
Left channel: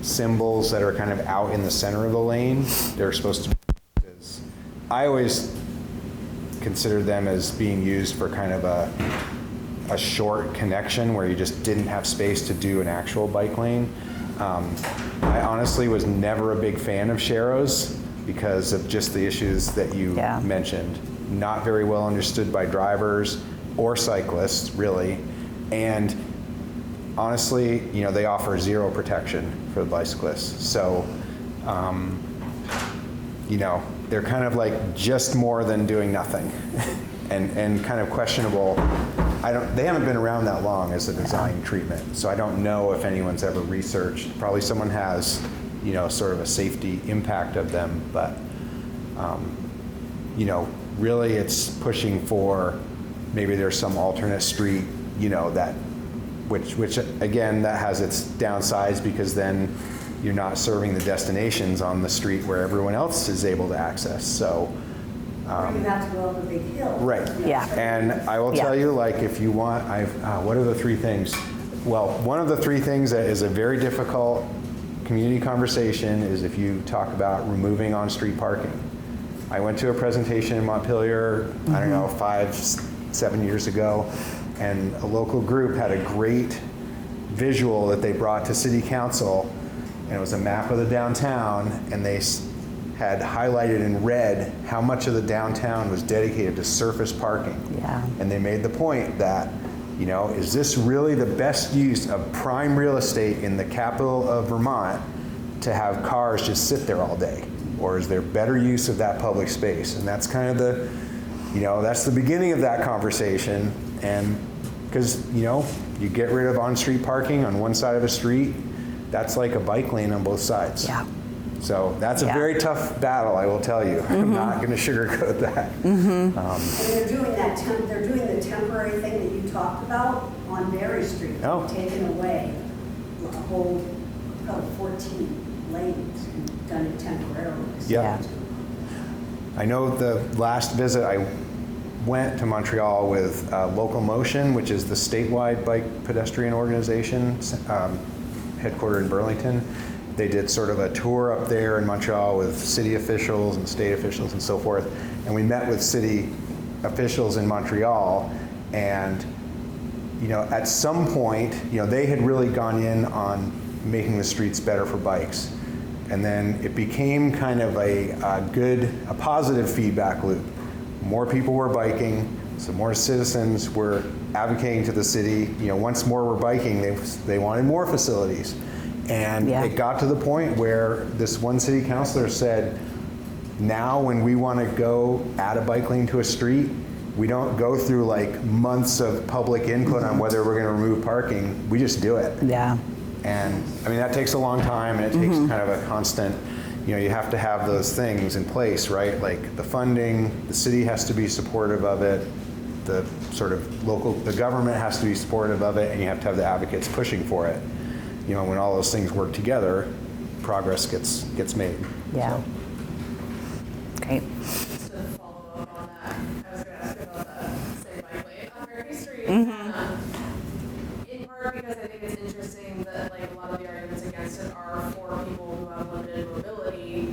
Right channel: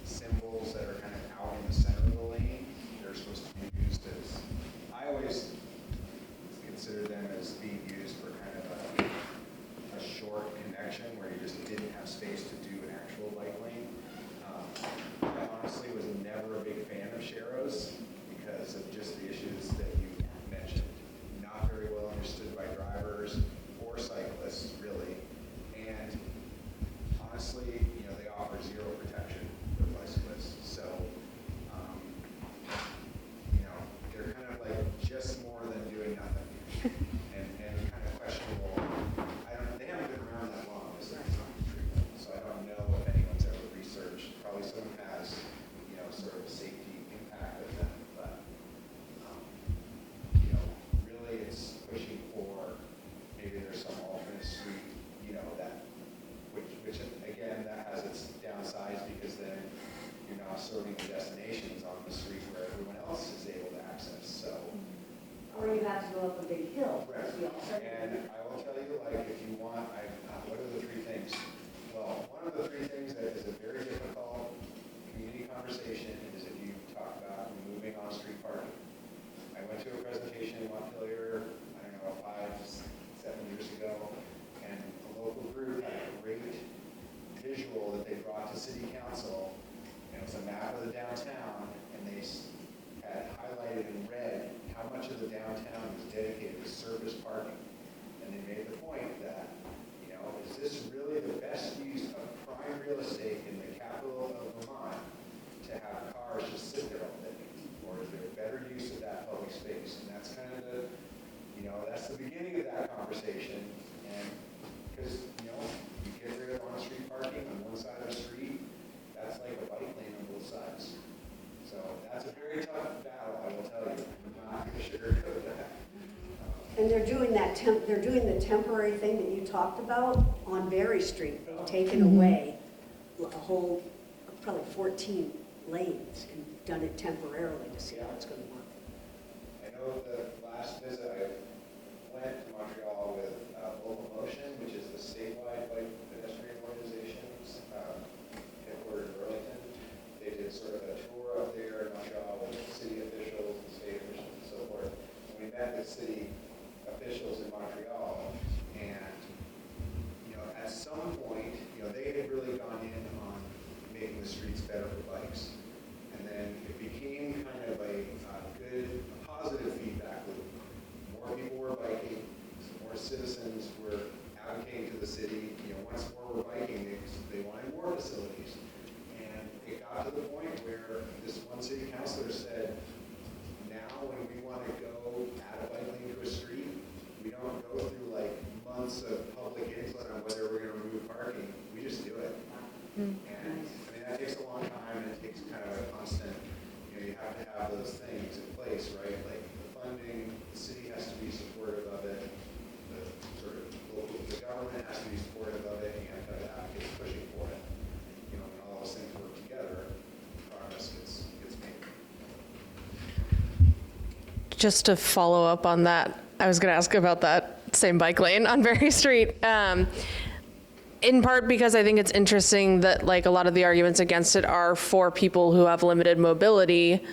symbols that are kind of out in the center of the lane. They're supposed to be used as, I always consider them as being used for kind of a short connection where you just didn't have space to do an actual bike lane. I honestly was never a big fan of sharrows because of just the issues that you mentioned. Not very well understood by drivers or cyclists, really. And honestly, they offer zero protection for the bicyclists. So, they're kind of like just more than doing nothing and kind of questionable. They haven't been around that long as a design treatment, so I don't know if anyone's ever researched. Probably someone has, sort of a safety impact of them, but, really it's pushing for maybe there's some alternate street, which again, that has its downsides because then you're not serving the destinations on the street where everyone else is able to access. So, Or you have to go up a big hill. right. Yeah. And I will tell you, like, if you want, what are the three things? Well, one of the three things that is a very difficult community conversation is if you talk about removing on-street parking. I went to a presentation in Montpelier, I don't know, 5-7 years ago, and a local group had a great visual that they brought to City Council, and it was a map of the downtown, and they had highlighted in red how much of the downtown was dedicated to surface parking. Yeah. And they made the point that, is this really the best use of prime real estate in the capital of Vermont to have cars just sit there all day? Or is there better use of that public space? And that's kind of that's the beginning of that conversation. And because, you get rid of on-street parking on one side of the street, that's like a bike lane on both sides. Yeah. So that's a very tough battle, I will tell you. I'm not going to sugarcoat that. And they're doing they're doing the temporary thing that you talked about on Mary Street. Oh. Taking away a whole, probably 14 lanes and done it temporarily. Yeah. I know the last visit I went to Montreal with Local Motion, which is the statewide bike pedestrian organization, headquartered in Burlington. They did sort of a tour up there in Montreal with city officials and state officials and so forth. And we met with city officials in Montreal, and at some point, they had really gone in on making the streets better for bikes. And then it became kind of a positive feedback loop. More people were biking, so more citizens were advocating to the city. Once more were biking, they wanted more facilities. And it got to the point where this one city councilor said, now when we want to go add a bike lane to a street, we don't go through like months of public input on whether we're going to remove parking. We just do it. Yeah. And I mean, that takes a long time, and it takes kind of a constant, you have to have those things in place, right? Like the funding, the city has to be supportive of it, the sort of the government has to be supportive of it, and you have to have the advocates pushing for it. When all those things work together, progress gets made. Yeah. So. Great. Just to follow up on that, I was going to ask about that same bike lane on Berry Street. In part because I think it's interesting that like a lot of the arguments against it are for people who have limited mobility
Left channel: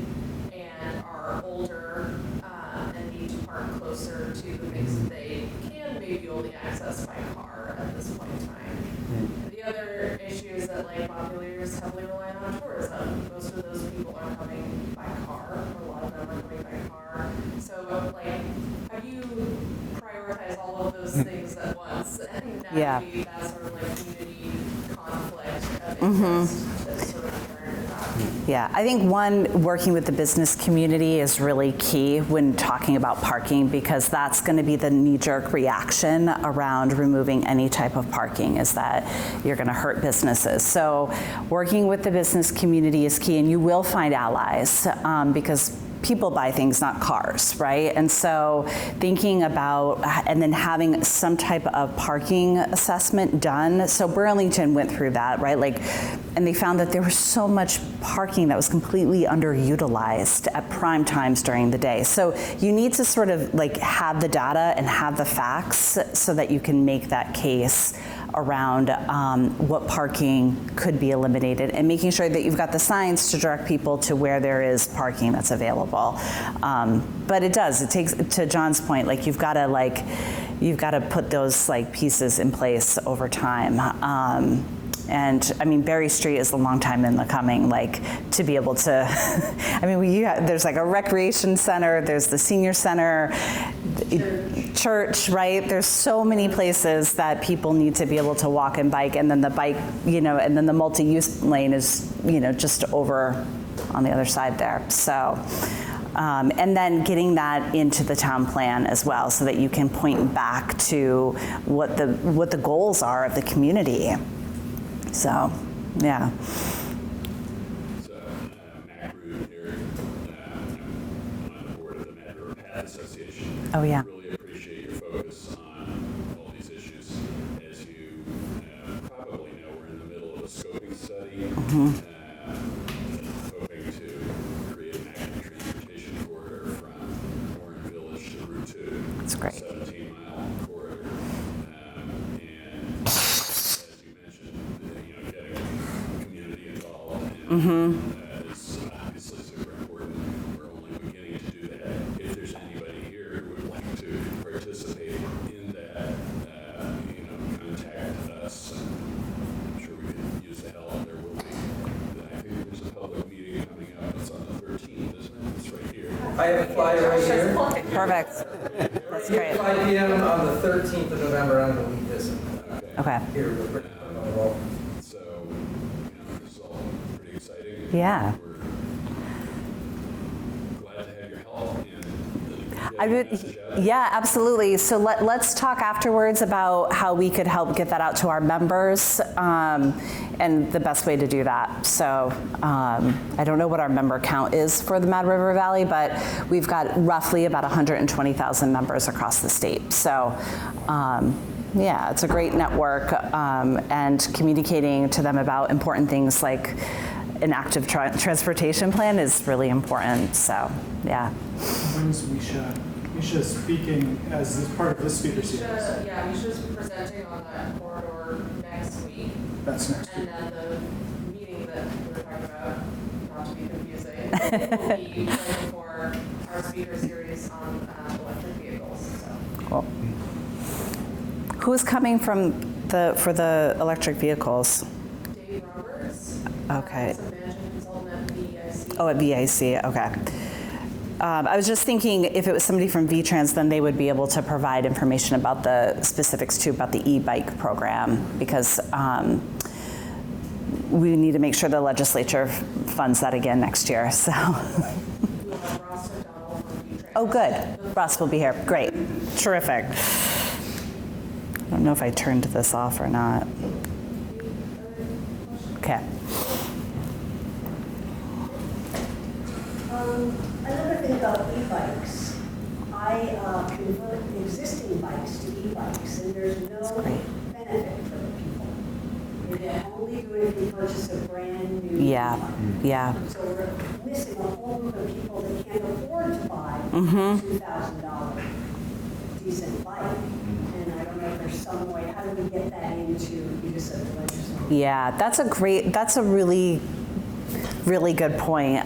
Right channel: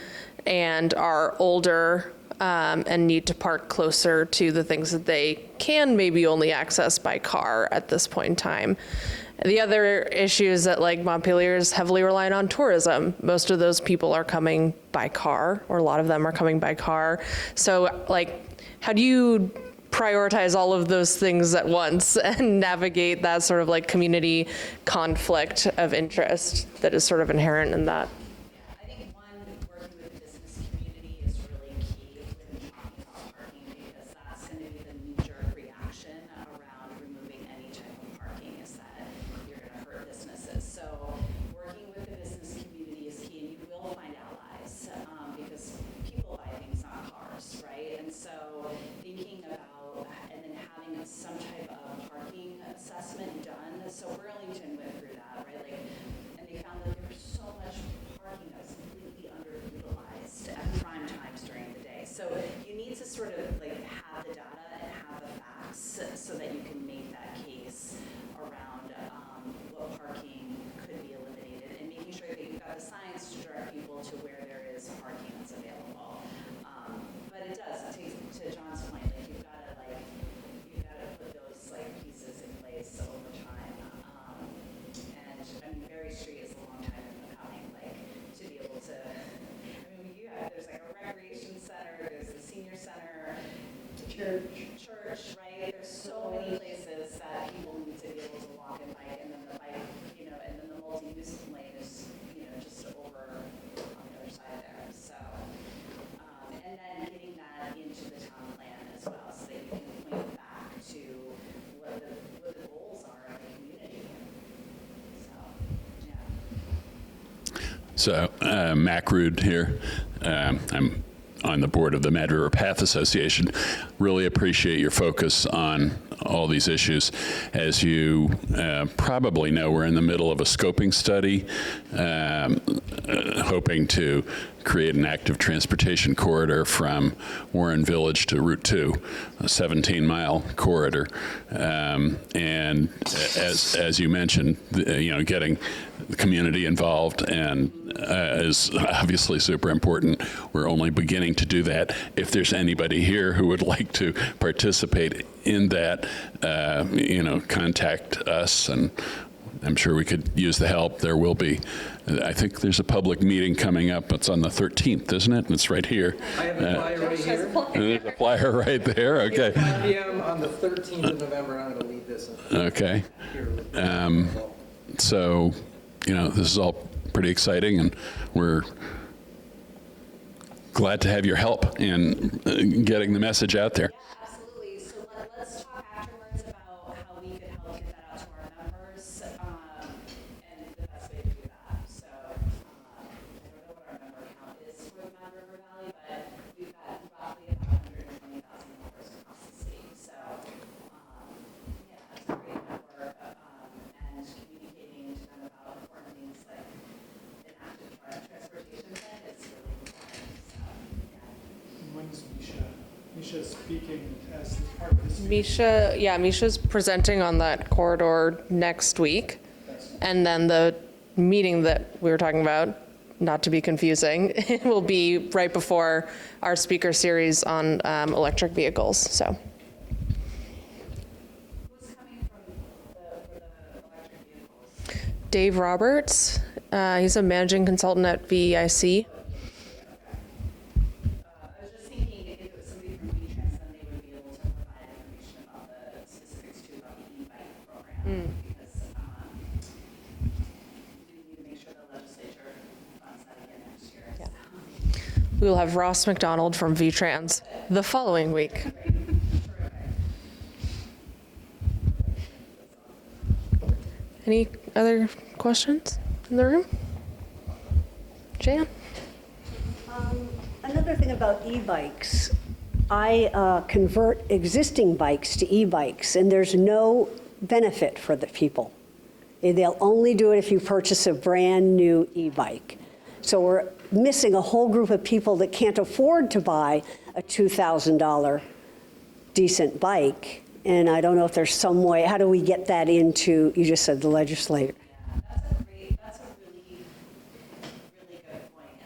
and are older and need to park closer to the things that they can maybe only access by car at this point in time. The other issue is that like Montpelier is heavily reliant on tourism. Most of those people are coming by car, or a lot of them are coming by car. So like, how do you prioritize all of those things at once and navigate that sort of like community conflict of interest that is sort of inherent in that? Yeah, I think working with the business community is really key when talking about parking, because that's going to be the knee-jerk reaction around removing any type of parking, is that you're going to hurt businesses. So working with the business community is key, and you will find allies because people buy things, not cars, right? And so thinking about, and then having some type of parking assessment done. So Burlington went through that, right? Like, and they found that there was so much parking that was completely underutilized at prime times during the day. So you need to sort of like have the data and have the facts so that you can make that case around what parking could be eliminated, and making sure that you've got the signs to direct people to where there is parking that's available. But it takes, to John's point, like you've got to put those like pieces in place over time. And I mean, Berry Street is a long time in the coming, like to be able to, I mean, there's like a recreation center, there's the senior center, church, right? There's so many places that people need to be able to walk and bike, and then the bike, and then the multi-use lane is, just over on the other side there. So, and then getting that into the town plan as well, so that you can point back to what the goals are of the community. So, yeah. So, Mac Rude here. I'm on the board of the Mad River Path Association. Oh, yeah. Really appreciate your focus on all these issues. As you probably know, we're in the middle of a scoping study, hoping to create an active transportation corridor from Warren Village to Route 2, a 17-mile corridor. And as you mentioned, getting the community involved and is obviously super important. We're only beginning to do that. If there's anybody here who would like to participate in that, contact us, and I'm sure we could use the help. There will be, I think there's a public meeting coming up. It's on the 13th, isn't it? It's right here. I have a flyer right here. There's a flyer right there. Okay. 5 p.m. on the 13th of November. I'm going to leave this. Okay. Okay. So, this is all pretty exciting, and Yeah. we're glad to have your help in getting the message out there. Yeah, absolutely. So let's talk afterwards about how we could help get that out to our members and the best way to do that. So I don't know what our member count is for the Mad River Valley, but we've got roughly about 120,000 members across the state. So yeah, it's a great network, and communicating to them about important things like an active transportation plan is really important. So, yeah. When's Misha? Misha's speaking as part of this speaker. Misha's presenting on that corridor next week. That's next. And then the meeting that we were talking about, not to be confusing, will be right before our speaker series on electric vehicles. So, Cool. Who's coming for the electric vehicles? Dave Roberts, Okay. he's a managing consultant at VEIC. Oh, at VIC, okay. I was just thinking if it was somebody from VTrans, then they would be able to provide information about the specifics too, about the e-bike program, because we need to make sure the legislature funds that again next year, so. We'll have Ross McDonald from VTrans. Oh, good. The following Ross will be week. here. Great, terrific. I don't know if I turned this off or not. Any other questions? Okay. Jan? Another thing about e-bikes, I convert existing bikes to e-bikes, and there's no benefit for the people. They'll only do it if you purchase a brand-new e-bike. Yeah. So we're missing a whole group of people that can't afford to buy a $2,000 decent bike. And I don't know if there's some way, how do we get that into, you just said the legislature. Yeah, that's a really good point.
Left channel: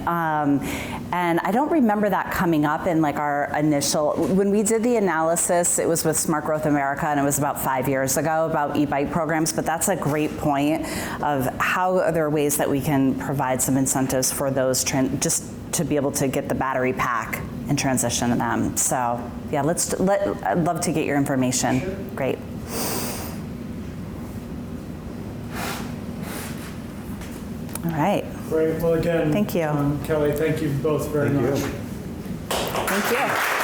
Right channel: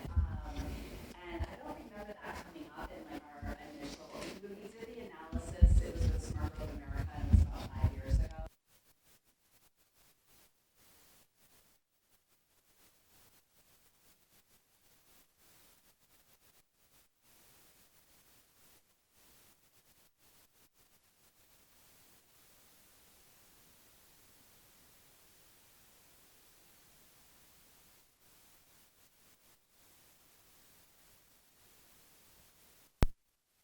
And I don't remember that coming up in like our initial, when we did the analysis, it was with Smart Growth America, and it was about 5 years ago about e-bike programs, but that's a great point of how are there ways that we can provide some incentives for those, just to be able to get the battery pack and transition to them. So yeah, I'd love to get your information. Sure. Great. All right. Great. Well, again, thank you. Kelly, thank you both very much. Thank you.